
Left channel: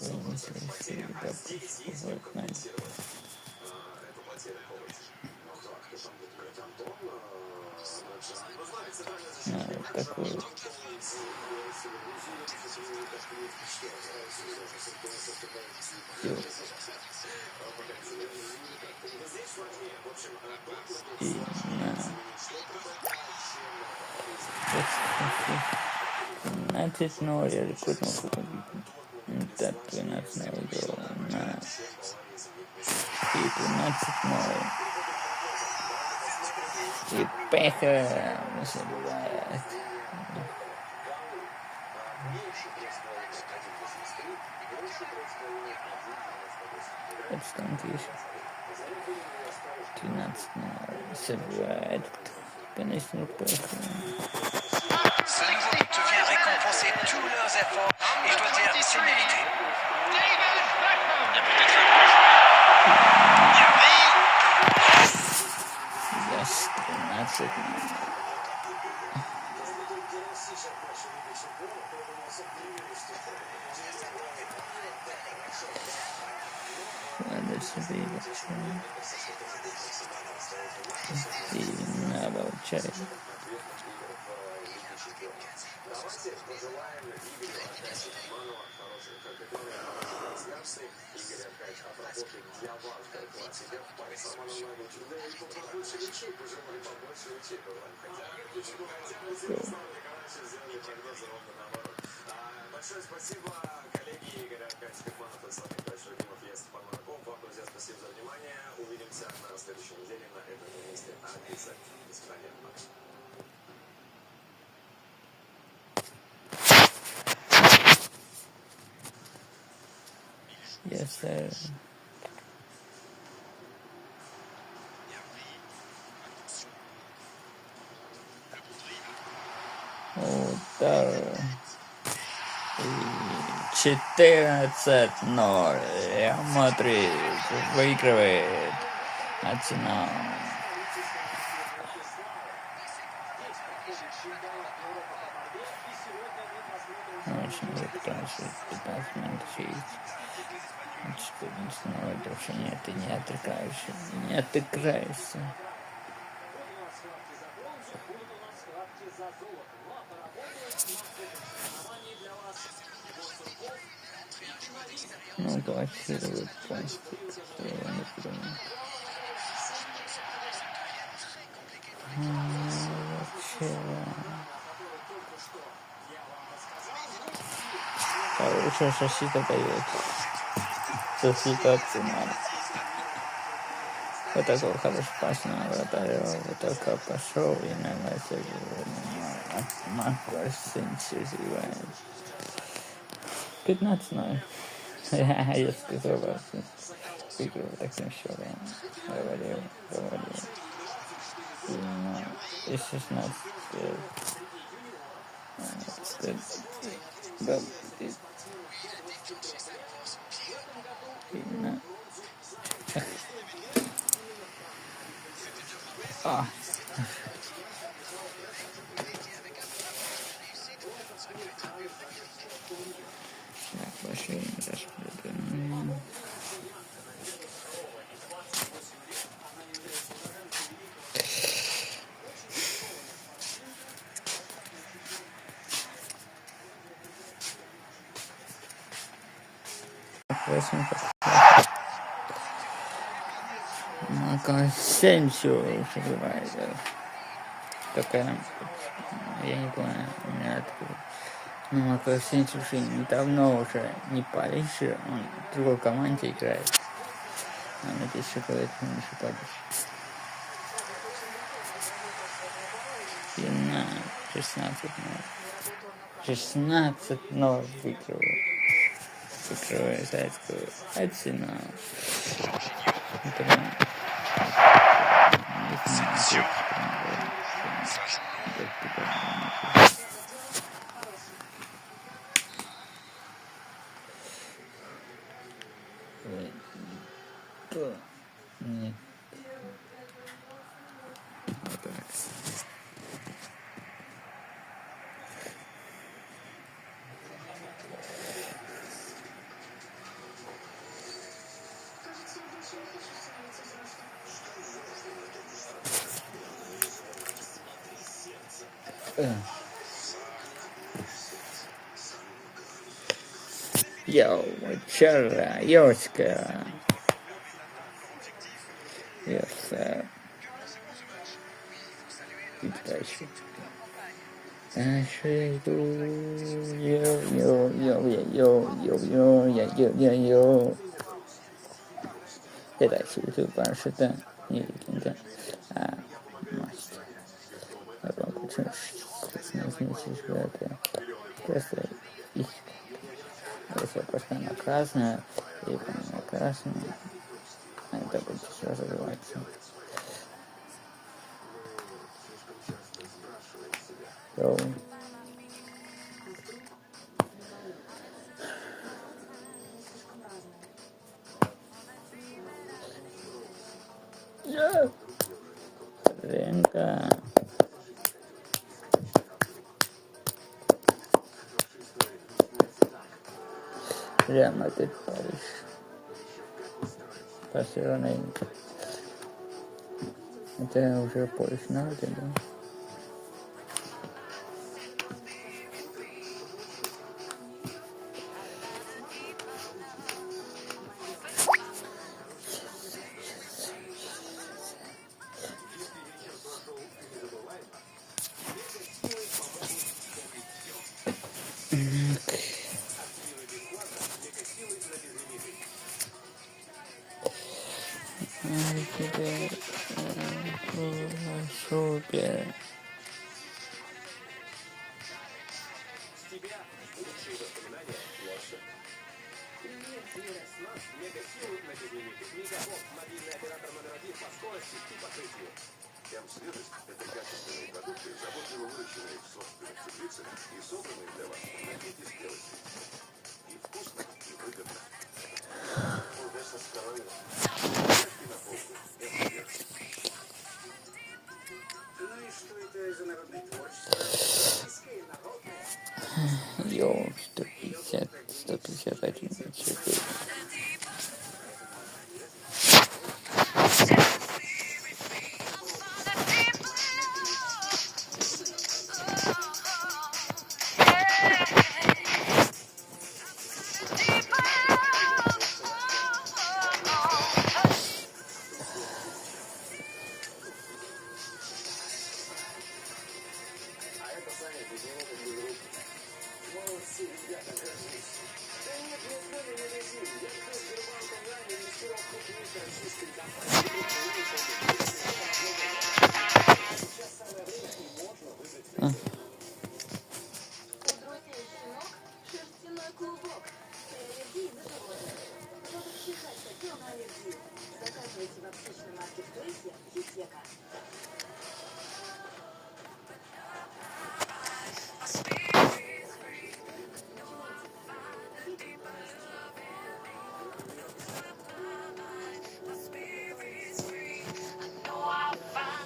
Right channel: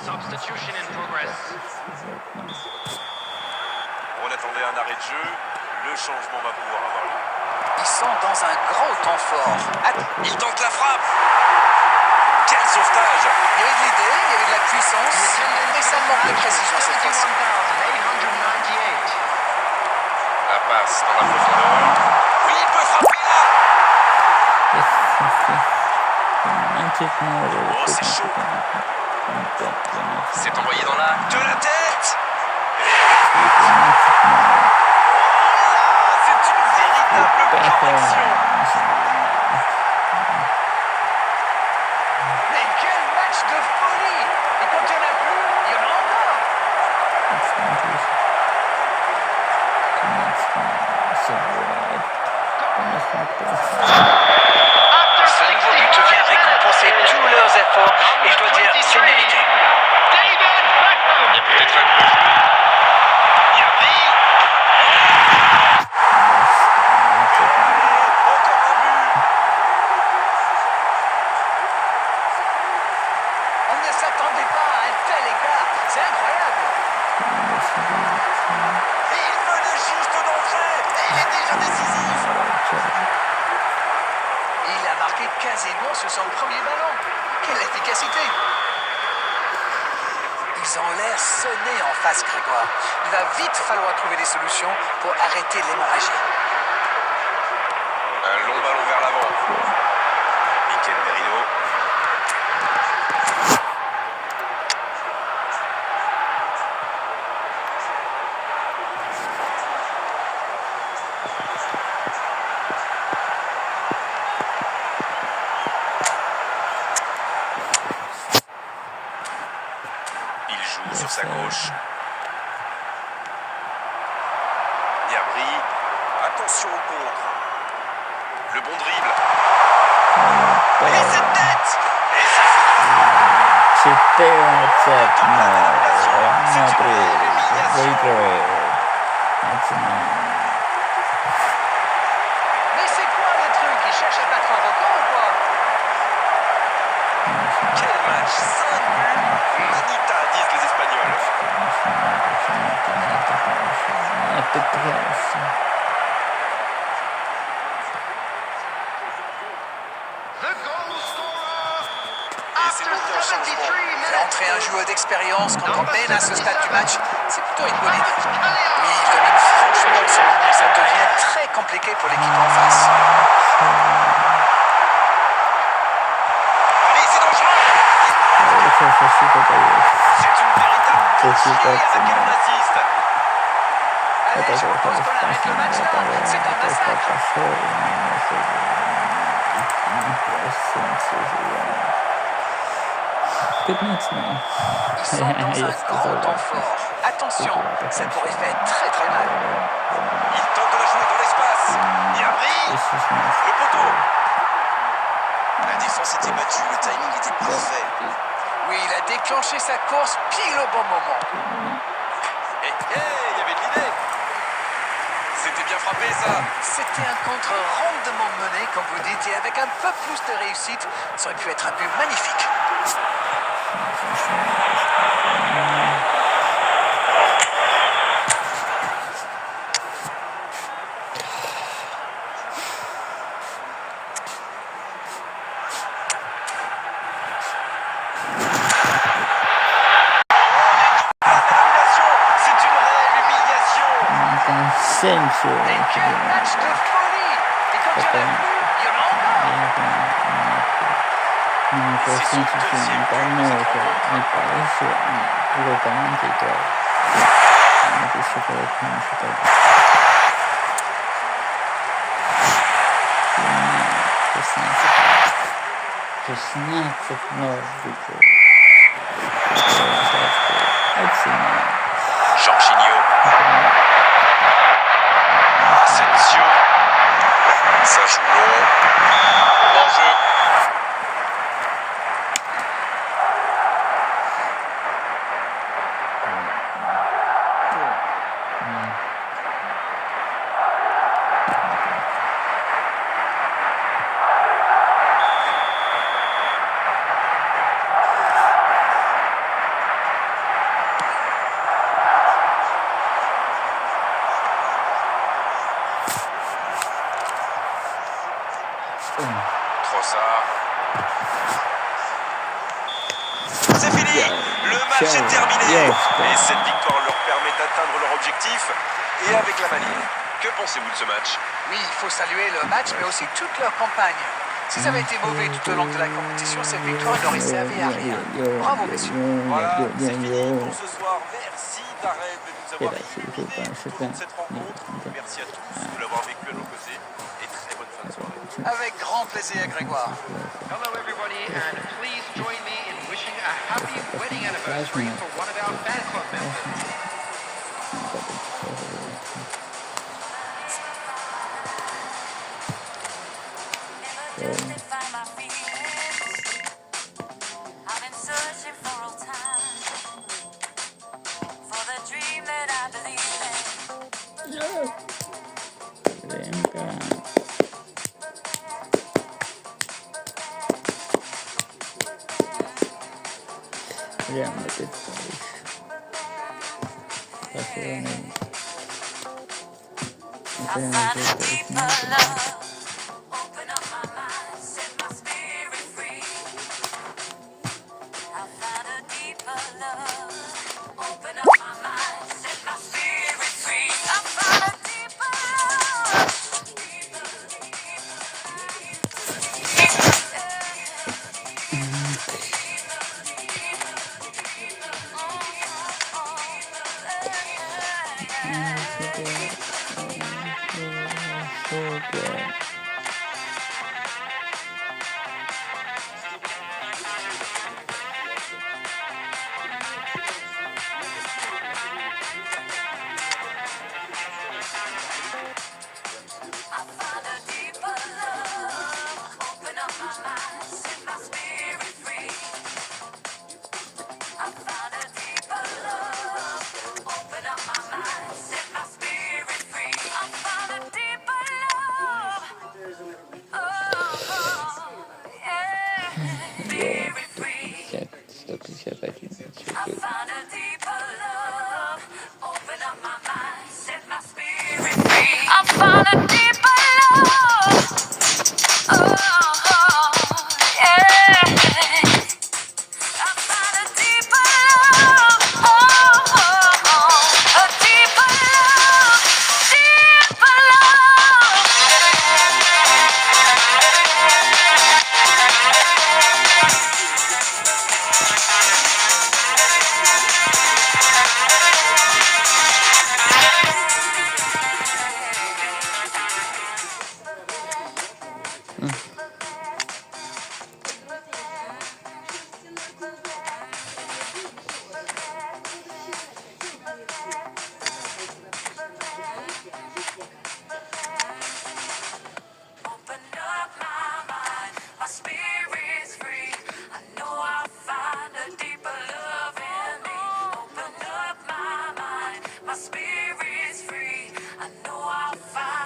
Substitution in progress. On attendait un arrêt de jeu. Le changement va pouvoir avoir lieu. Ils sont dans un gros temps fort. Il tente la frappe. Quel sauvetage. Il y avait de l'idée, il y avait de la puissance, mais ça manque de précision cette fois-ci. 71,898. La passe dans la profondeur. Oui, il peut frapper là. C'est envoyé dans la de la tête. C'est une véritable perfection. Mais quel match de folie! Et quand il n'y en a plus, il y en a encore! After Ce nouveau 60 but vient minutes, récompenser tous leurs efforts et je dois dire, c'est mérité. David Beckham. Il y a peut-être un coup à jouer. Diabry. Encore un but. On ne s'attendait pas à un tel écart. C'est incroyable. Et il menait juste d'entrée. Et il est déjà décisif. Il a marqué quasiment sur son premier ballon. Quelle efficacité! Ils ont l'air sonnés en face, Grégoire. Il va vite falloir trouver des solutions pour arrêter l'hémorragie. Un long ballon vers l'avant. Mikel Merino. Il joue sur sa gauche. Diabry. Attention au contre. Le bon dribble. Et cette tête. Et ça C'était un set, no, Madrid, выигрывает. Начинаем. Mais c'est quoi le truc? Ils cherchent à battre un record ou quoi? quel match. 5 buts. Manita, disent les Espagnols. Это классно. The goal scorer. Et c'est After donc un 73 changement. Faire minutes. entrer un joueur d'expérience quand on mène à ce stade du match, c'est plutôt une bonne idée. Callion. Oui, il domine franchement en ce moment, ça devient très compliqué pour l'équipe en face. Allez, c'est dangereux. Защита дает. C'est une véritable Защита tuerie à laquelle on assiste. это Allez, je же propose qu'on arrête le match là. C'est un massacre. пошел Ils sont dans un gros temps fort. Attention, ça pourrait faire très très mal. Il tente de la jouer dans l'espace. Diabry. Le poteau. La défense était battue, le timing était parfait. Oui, il a déclenché sa course pile au bon moment. Et il y avait de l'idée. bien frappé ça. C'était un contre rondement mené, comme vous dites, et avec un peu plus de réussite, ça aurait pu être un but magnifique. C'est une réelle humiliation. Cansenso, Et quel match de folie! Et quand tu l'as vu, no consenso mental no, o sea, me parece puramente y todo. No que se puede comunicar. Шестнадцать ножиков. Jorginho. Asensio. Ça joue long. En jeu. Trossard. C'est fini. Le match est terminé. Et cette victoire leur permet d'atteindre leur objectif. Et avec la manif, que pensez-vous de ce match? oui, il faut saluer le match, mais aussi toute leur campagne. Si ça avait été mauvais tout au long de la compétition, cette victoire n'aurait servi à rien. Bravo, messieurs. Voilà, c'est fini pour ce soir. Merci Darren de nous avoir fait cette rencontre. Merci à tous de l'avoir vécu à nos côtés. Et très bonne fin de soirée. Avec grand plaisir, Grégoire. Hello, everybody, and please join me in wishing a happy wedding anniversary for one of our fan club members. Venga. Real Madrid Paris. Barcelona. Real Madrid Paris. No, Super. Yo, 150 My spirit's free. I know I'll find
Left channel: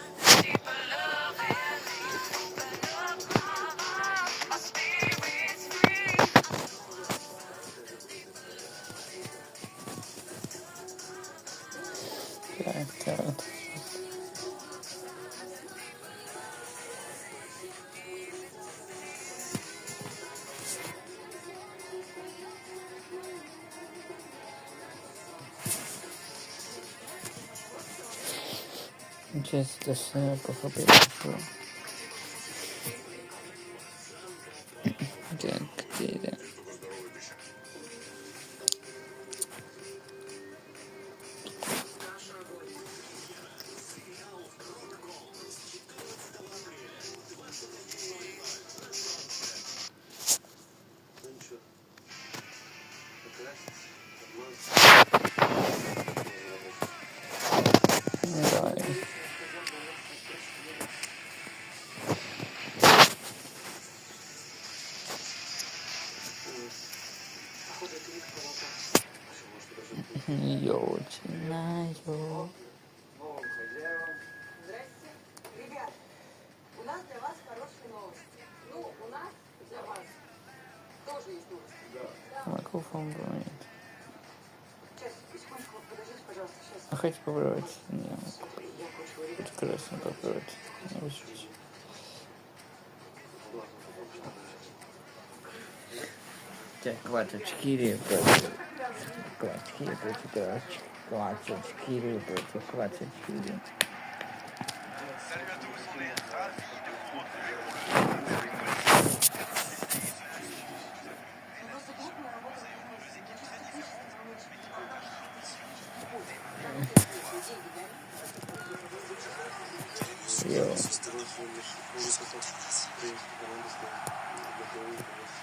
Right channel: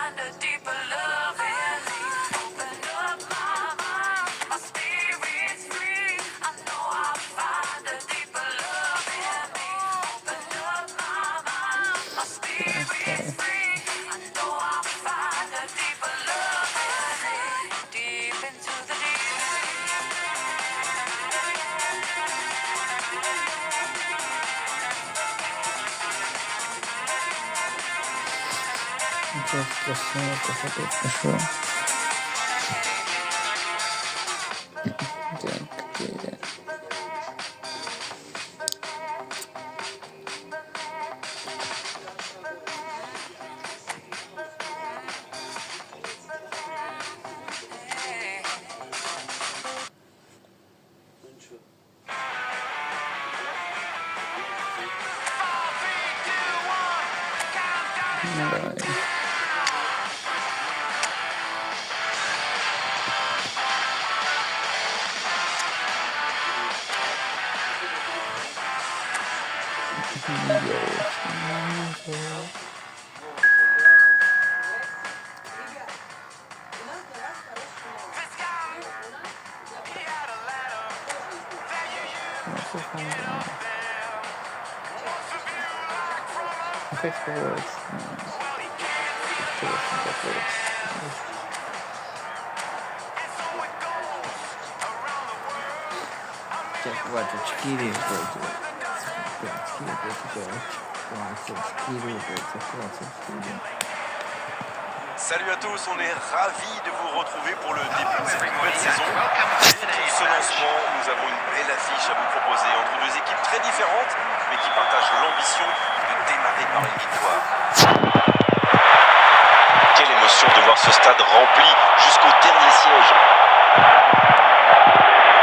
Muchas gracias por su ya queda. Bye. Так, 24 против 24 против 24. Salut à tous, on est ravis de vous retrouver pour le début de cette nouvelle saison. Pour ce lancement, nous avons une belle affiche à vous proposer entre deux équipes très différentes, mais qui partagent l'ambition de démarrer par une victoire. Quelle émotion de voir ce stade rempli jusqu'au dernier siège.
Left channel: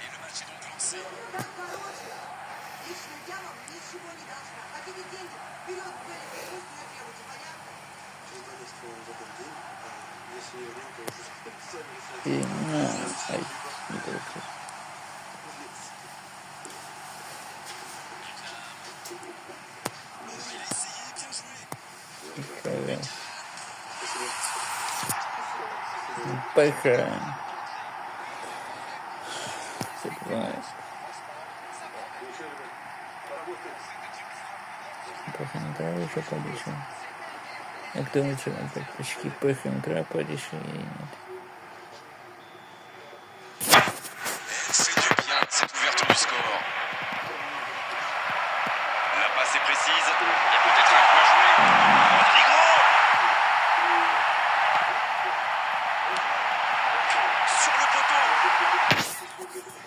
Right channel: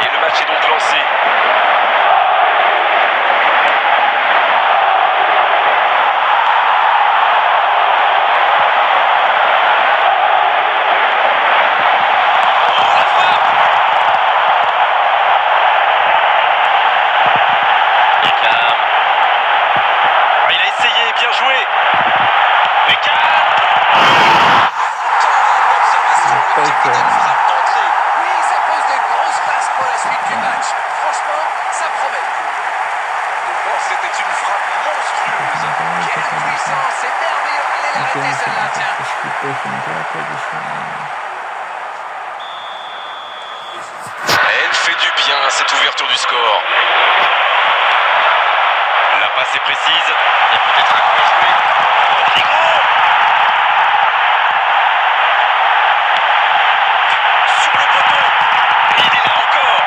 Et le match est donc lancé. Oui, ça pose de grosses bases pour la suite du match. Franchement, ça promet. C'était une frappe monstrueuse. Quelle puissance, c'est merveilleux. Allez, la tête, celle-là, tiens. Elle fait du bien à cette ouverture du score. La passe est précise. Il y a peut-être un coup à jouer. Rodrigo! Sur le poteau. Il est là encore.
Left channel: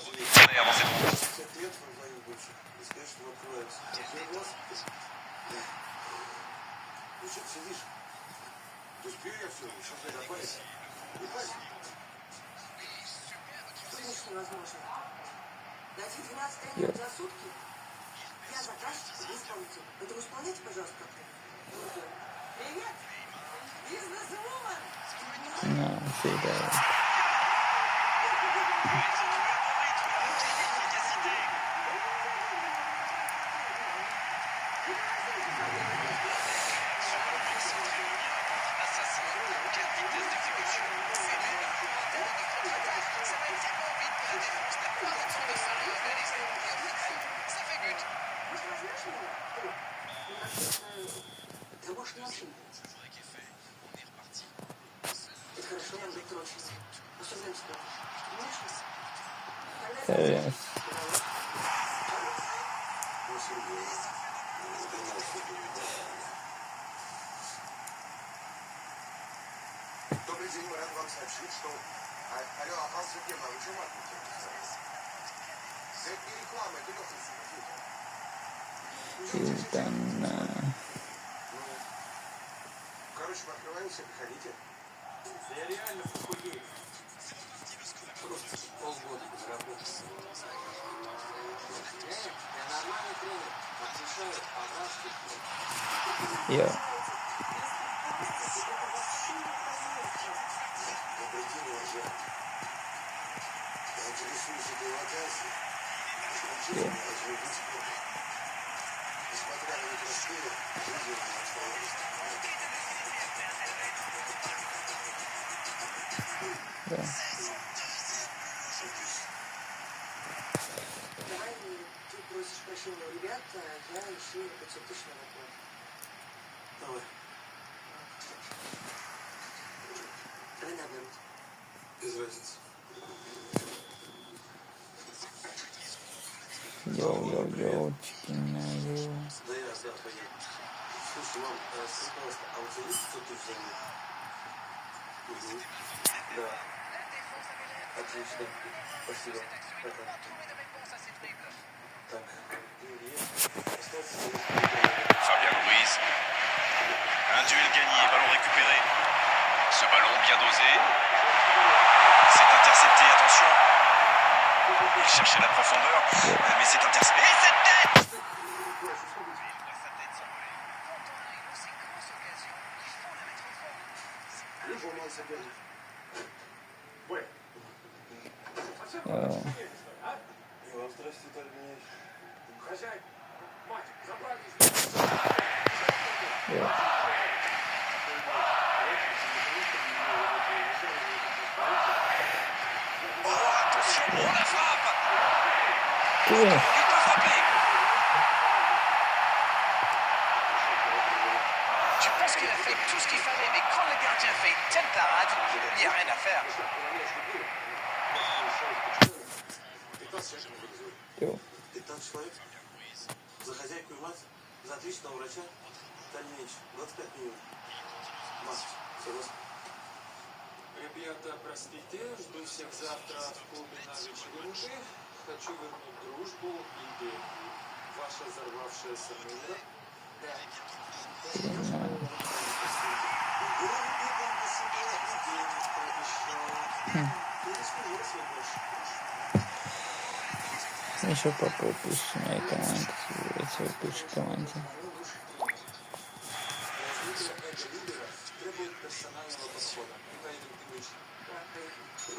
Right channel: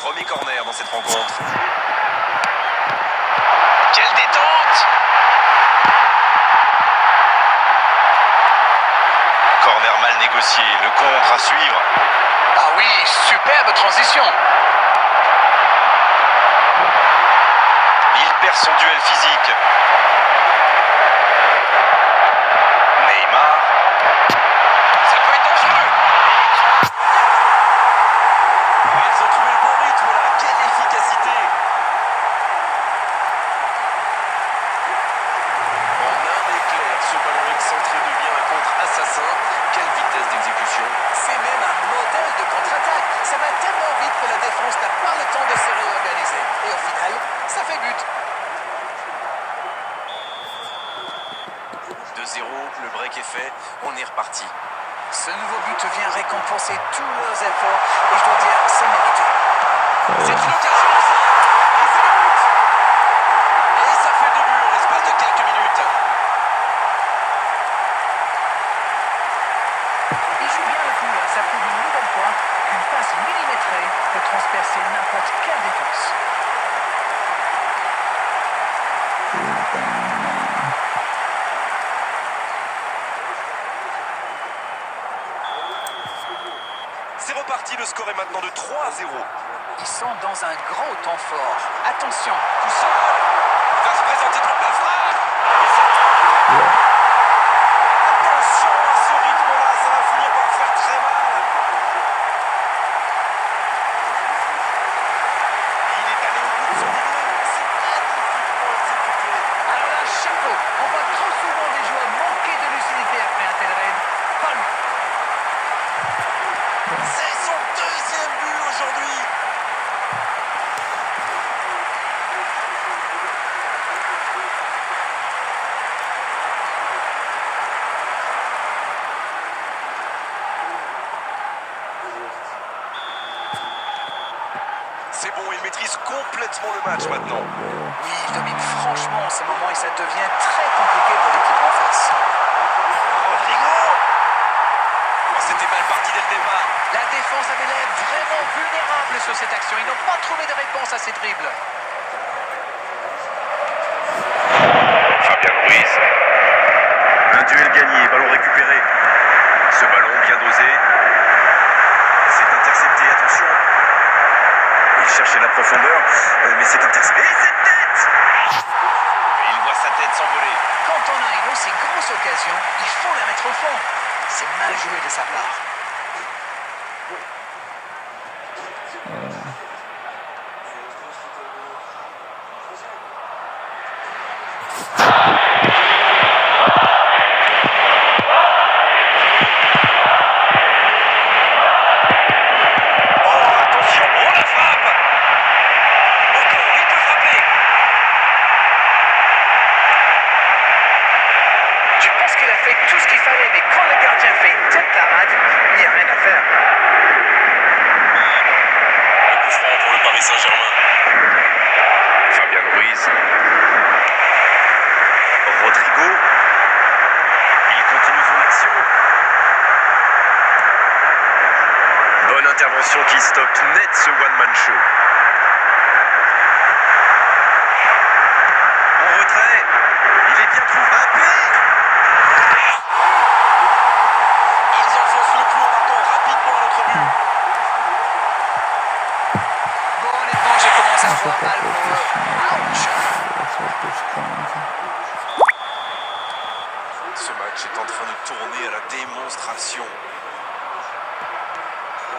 Premier corner dans cette rencontre. Quelle détente! Corner mal négocié, le contre à suivre. Ah oui, superbe transition. Il perd son duel physique. Neymar. Ça peut être dangereux. Ils ont trouvé le bon rythme là. Quelle efficacité. En un éclair, ce ballon excentré devient un contre-assassin. Quelle vitesse d'exécution. C'est même un modèle de contre-attaque. Ça va tellement vite que la défense n'a pas le temps de se réorganiser. Et au final, ça fait but. 2-0, le break est fait. On est reparti. Ce nouveau but vient récompenser tous leurs efforts. Et je dois dire, c'est mérité. C'est une occasion. Et c'est le but. Et ça fait 2 buts en l'espace de quelques minutes. Il joue bien le coup. Ça prouve une nouvelle fois qu'une passe millimétrée peut transpercer n'importe quelle défense. C'est reparti, le score est maintenant de 3-0. Ils sont dans un grand temps fort. Attention, Tout seul. Va se présenter trop la frappe. Attention à ce rythme-là, ça va finir par faire très mal. Il est allé au bout de son idée. C'est magnifiquement exécuté. alors là, chapeau. On voit trop souvent des joueurs manquer de lucidité après un tel raid. Pas lui. C'est son deuxième but aujourd'hui. maîtrise complètement le match maintenant. Bravo. Oui, il domine franchement en ce moment et ça devient très compliqué pour l'équipe en face. Rodrigo. Oh, c'était mal parti dès le départ. La défense avait l'air vraiment vulnérable sur cette action. Ils n'ont pas trouvé de réponse à ces dribbles. Fabian Ruiz. Un duel gagné, ballon récupéré. Ce ballon bien dosé. C'est intercepté, attention. Il cherchait la profondeur, mais c'est intercepté. Et cette tête! Et il voit sa tête s'envoler. Quand on a une aussi grosse occasion, il faut la mettre au fond. C'est mal joué de sa part. Oh, attention, oh la frappe! Encore, il peut frapper. Je pense qu'il a fait tout ce qu'il fallait, mais quand le gardien fait une telle parade, il n'y a rien à faire. Le coup franc pour le Paris Saint-Germain. Fabian Ruiz. Rodrigo. Il continue son action. Bonne intervention qui stoppe net ce one-man show. En retrait. Il est bien trouvé. Ils enfoncent le clou en marquant rapidement à notre but. Bon, honnêtement, je commence à No sé voir por mal qué pour pues no eux. comienza, eso pues comienza. Ce match est en train de tourner à la démonstration.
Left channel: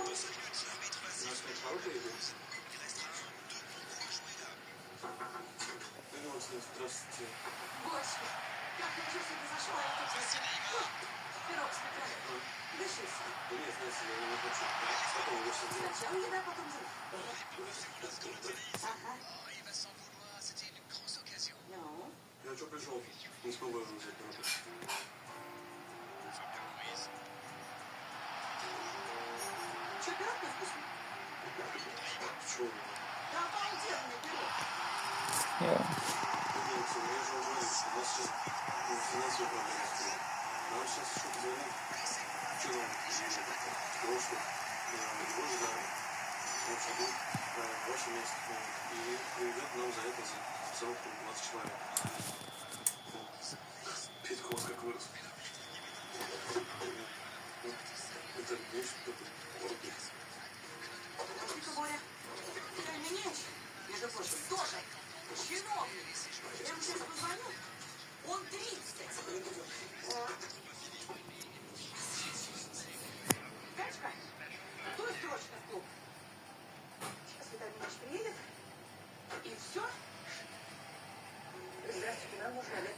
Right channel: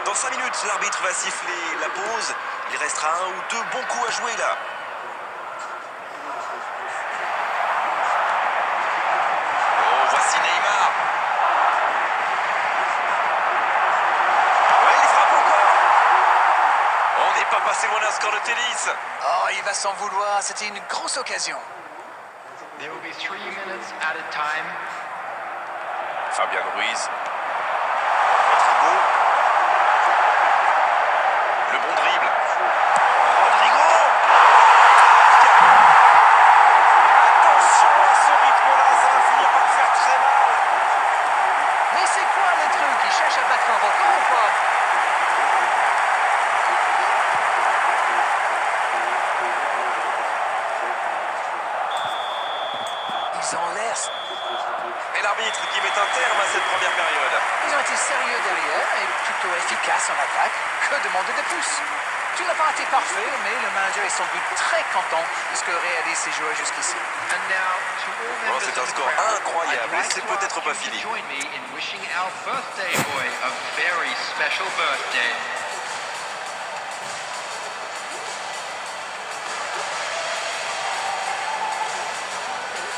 Dans 5 minutes, l'arbitre va siffler la pause. Il restera 1 ou 2 bons coups à jouer là. Oh, voici Neymar. Ouais, il frappe encore. On n'est pas passé loin d'un score de tennis. Oh, il va s'en vouloir. C'était une grosse occasion. There will be 3 minutes at a time. Fabian Ruiz. Rodrigo. Le bon dribble. Rodrigo. Attention à ce rythme-là, ça va finir par faire très mal. Mais c'est quoi le truc? Il cherche à battre un record ou quoi? Ils ont l'air... Et l'arbitre qui met un terme à cette première période. Ils ont été sérieux derrière et plutôt efficaces en attaque. Que demander de plus? Tu n'as pas été parfait, mais le manager est sans doute très content de ce que réalisent ces joueurs jusqu'ici. And now, to all Oh, members c'est of un the score crowd, incroyable I'd et like c'est to peut-être ask pas you fini. to join me in wishing our birthday boy a very special birthday.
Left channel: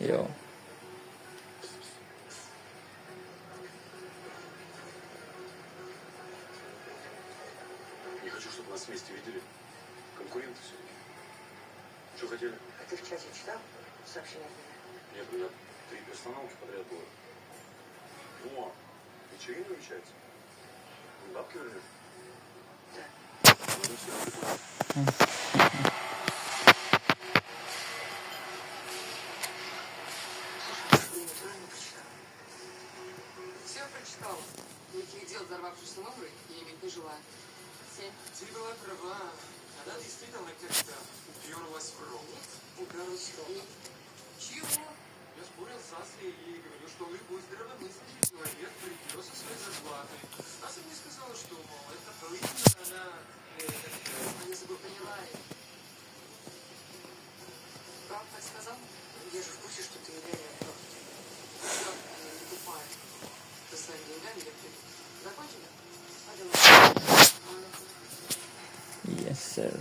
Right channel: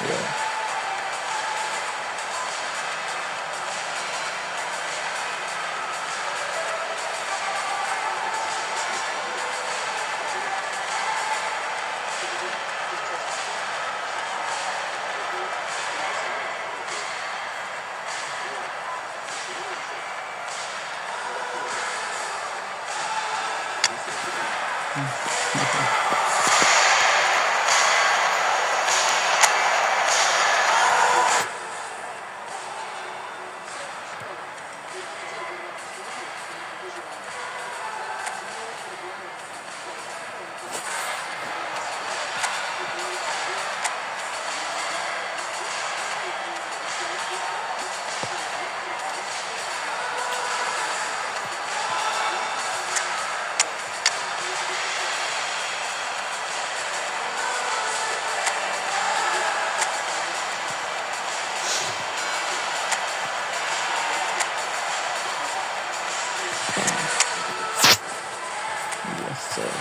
Yo. Yes, sir.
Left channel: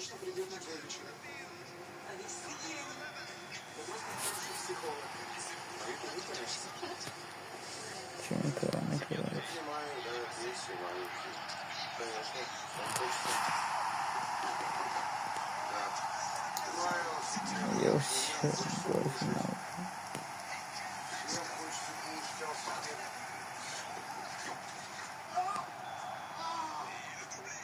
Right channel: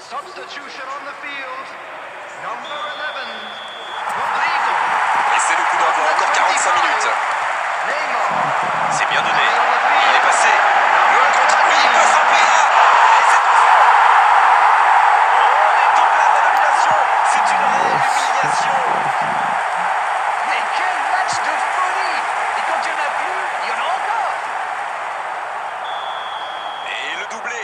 Substitution on the field. Number 11, Rodrigo. Et c'est le coup d'envoi, encore 45 minutes. Neymar. C'est bien donné. Il est passé. Le contre-attaque, il peut frapper là. Et c'est touché. On est double à la nomination. C'est une réelle humiliation. Mais quel match de folie! Et quand il n'y en a plus, il y en a encore! Et le doublé.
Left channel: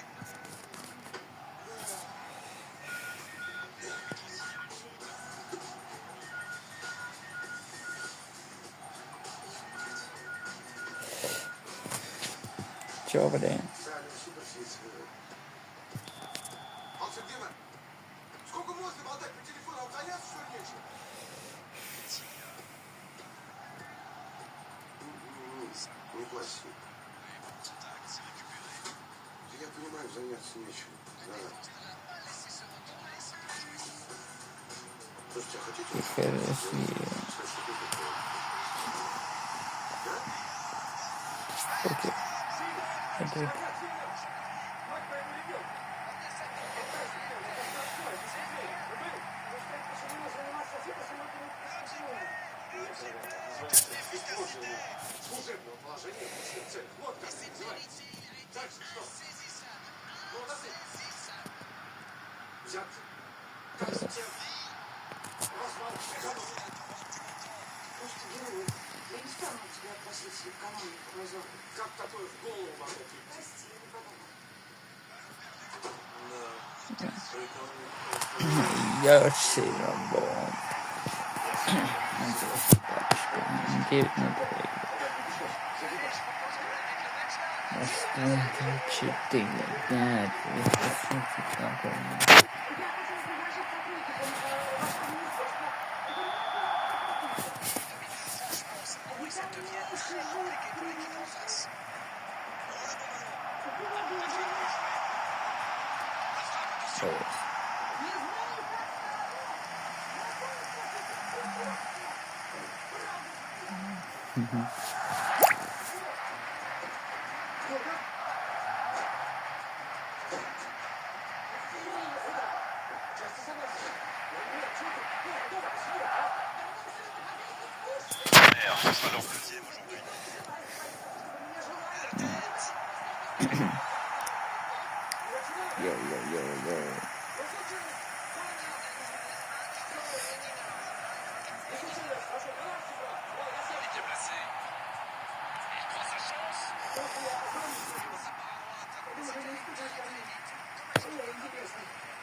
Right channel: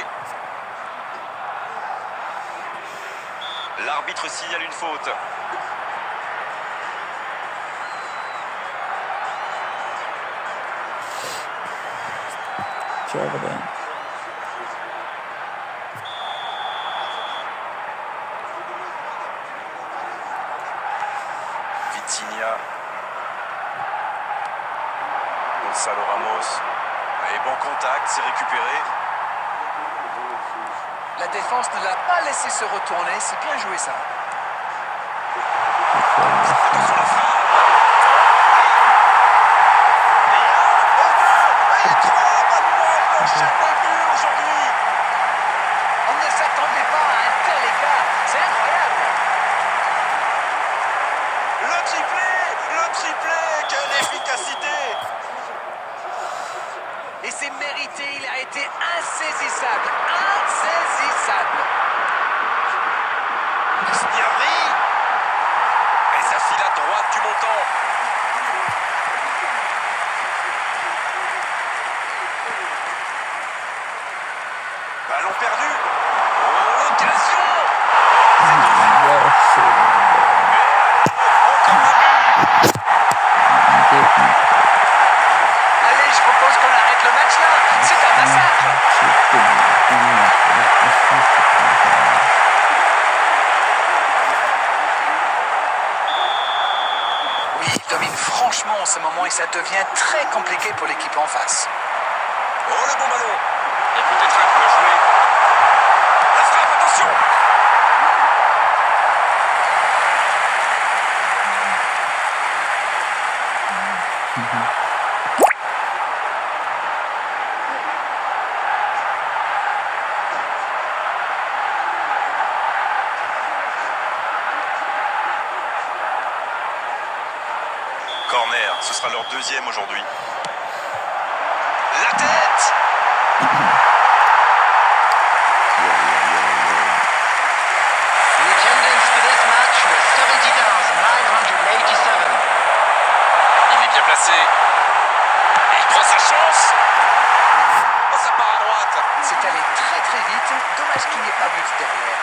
over there. Vitinha. Gonzalo Ramos. Et bon contact, c'est récupéré. La défense ne l'a pas laissé se retourner. C'est bien joué ça. On ne s'attendait pas à un tel écart. C'est incroyable. Le triplé, quelle efficacité! Et c'est mérité. Il a été insaisissable. Insaisissable. Diabry! Et ça file à droite du montant. Ballon perdu. Oh, l'occasion! Yes, Allez, je propose qu'on arrête le match là. C'est un massacre. Oui, il domine franchement en ce moment et ça devient très compliqué pour l'équipe en face. Oh, le bon ballon! Et peut-être un peu joué. La frappe, attention! Corner, ce sera leur deuxième aujourd'hui. La tête! The attendance for this match was 70,987. Il est bien placé. Et il prend sa chance. Oh, ça part à droite. C'est allé très très vite. Dommage qu'il n'y ait pas but derrière.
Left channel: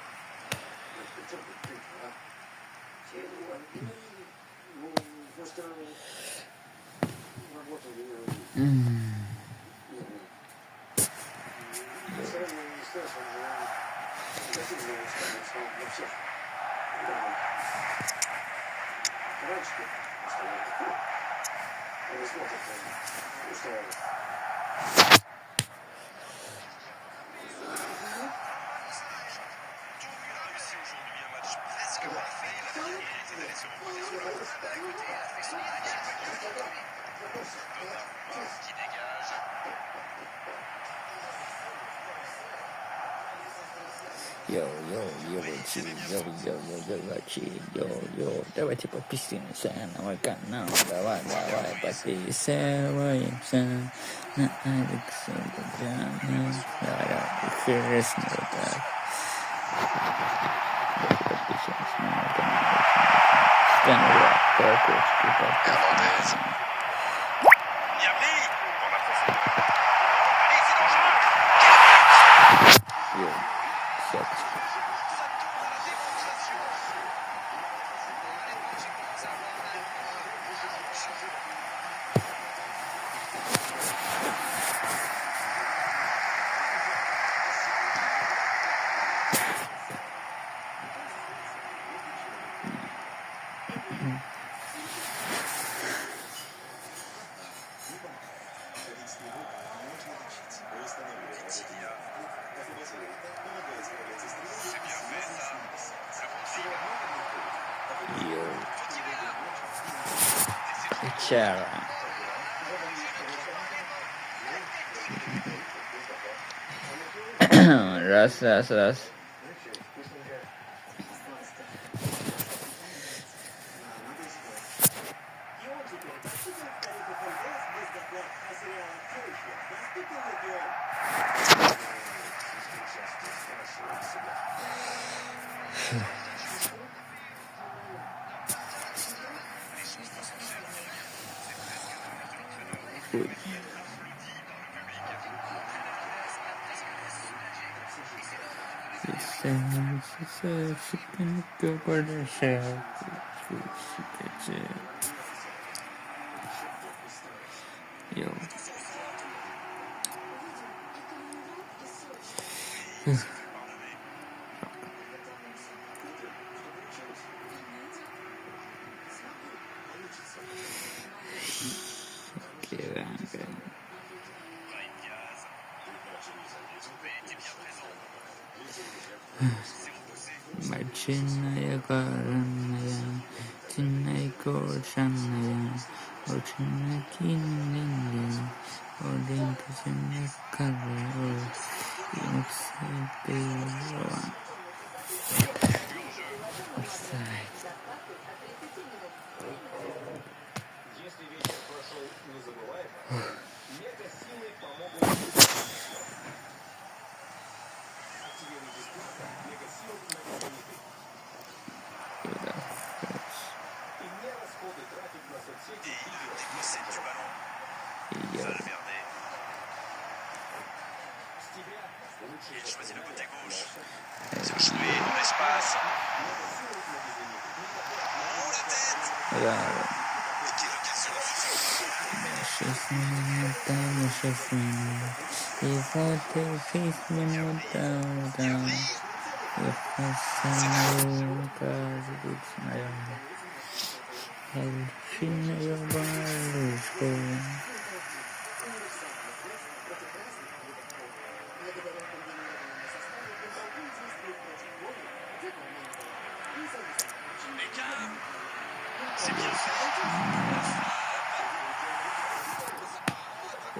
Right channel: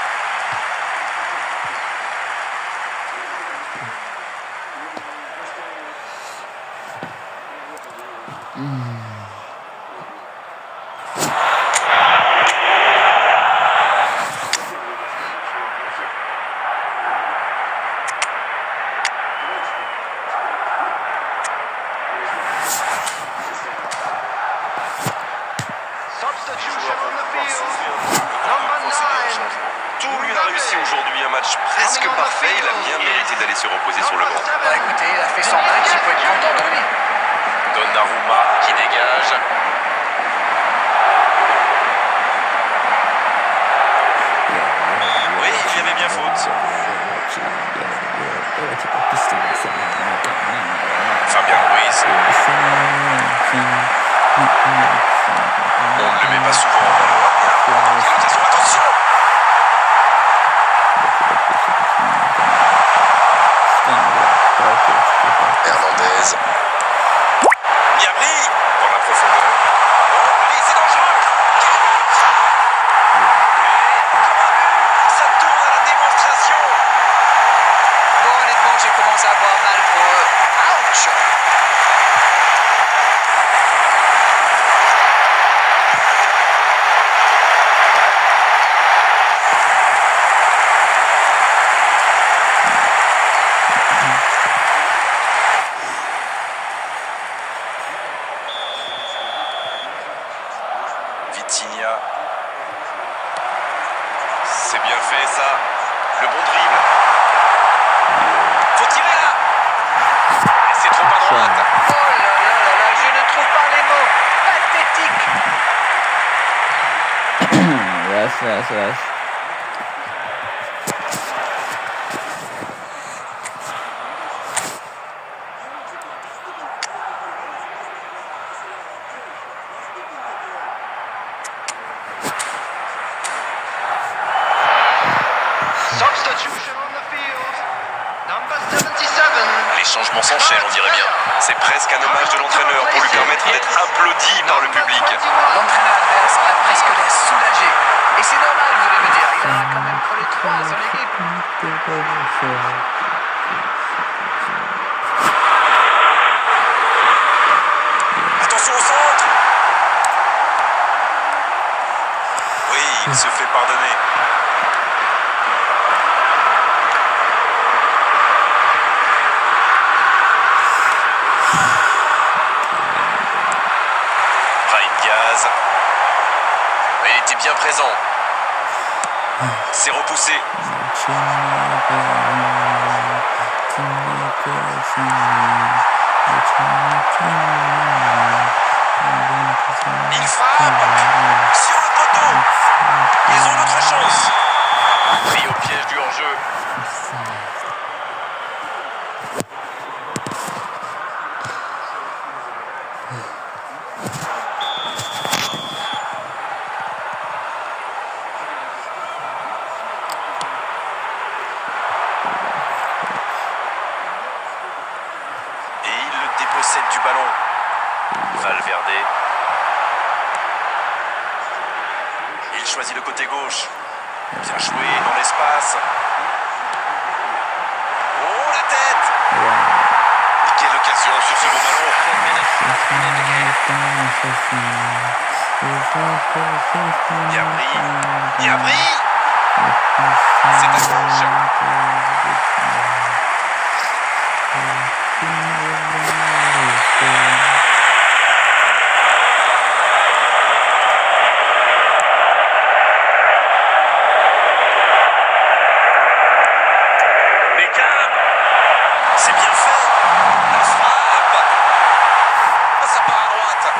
Substitution on the field. Number 9. Tout lui a réussi aujourd'hui. Un match presque parfait. Il a bien mérité d'aller se reposer sur le banc. Bah écoutez, il a fait son match, il peut être content de lui. Donnarumma qui dégage. Oui, il y avait bien faute. Fabien Ruiz. On ne le met pas souvent. Attention, attention. Hernandez. Diabry dans la profondeur. Oh, allez, c'est dangereux. Quel but! Ça tourne à la démonstration. Bon, honnêtement, j'ai commencé à avoir mal pour eux. Ouch! Vitinha. C'est bien fait ça. Le bon dribble. Faut tirer là. Et c'est trop à droite. Oh là là là là, je ne trouve pas les mots. Pathétique. Ras. Substitution on the field. Number 77. Les changements s'enchaînent, on dirait bien. C'est presque un hommage de l'entraîneur pour lui permettre d'être applaudi par le public. L'entraîneur adverse a presque l'air soulagé. Et c'est normal, vous allez me dire. Il en a quand même collé 3 à son équipe. Attention au centre. Il se fait pardonner. Brahim Diaz. Il était bien présent. C'est repoussé. Il frappe sur le poteau. Ils ont une autre chance. Pris au piège du hors-jeu. Et il le dépossède du ballon. Valverde. Il choisit le côté gauche. Bien joué dans l'espace. Oh, la tête! Et quelle occasion sur ce beau ballon! Niabri! C'est à gauche. Beckham! C'est bien fait! La frappe! Ça part à droite!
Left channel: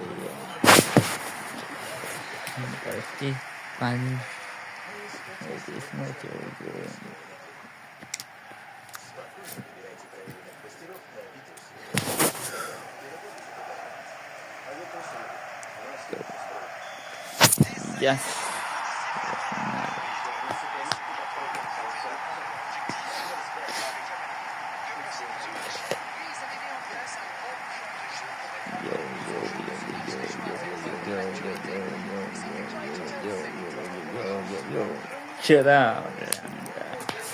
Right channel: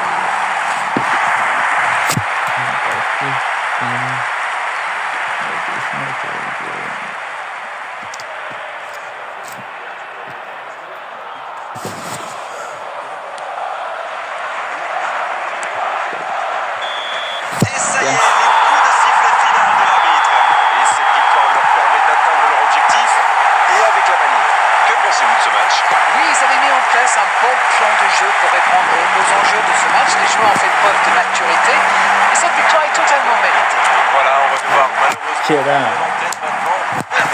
Et ça y est, les coups de sifflet final de l'arbitre. Et cette victoire leur permet d'atteindre leur objectif et avec la malice. Que pensez-vous de ce match? Oui, ils avaient mis en place un bon plan de jeu pour répondre aux enjeux de ce match. Les joueurs ont fait preuve de maturité et cette victoire est totalement méritée. Voilà, on va devoir malheureusement Tiens, peut-être maintenant l'arbitre.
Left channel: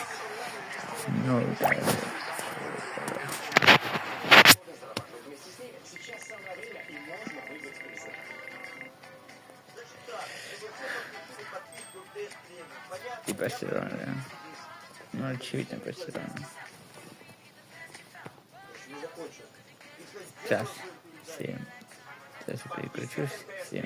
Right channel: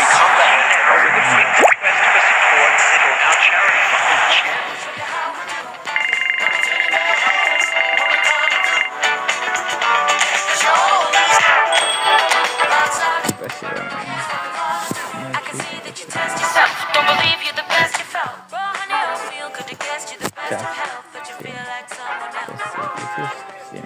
qui passera. Don't believe you're the best you felt. Feel good against you the best Ça, you help, but you feel like someone else. c'est quelque chose. C'est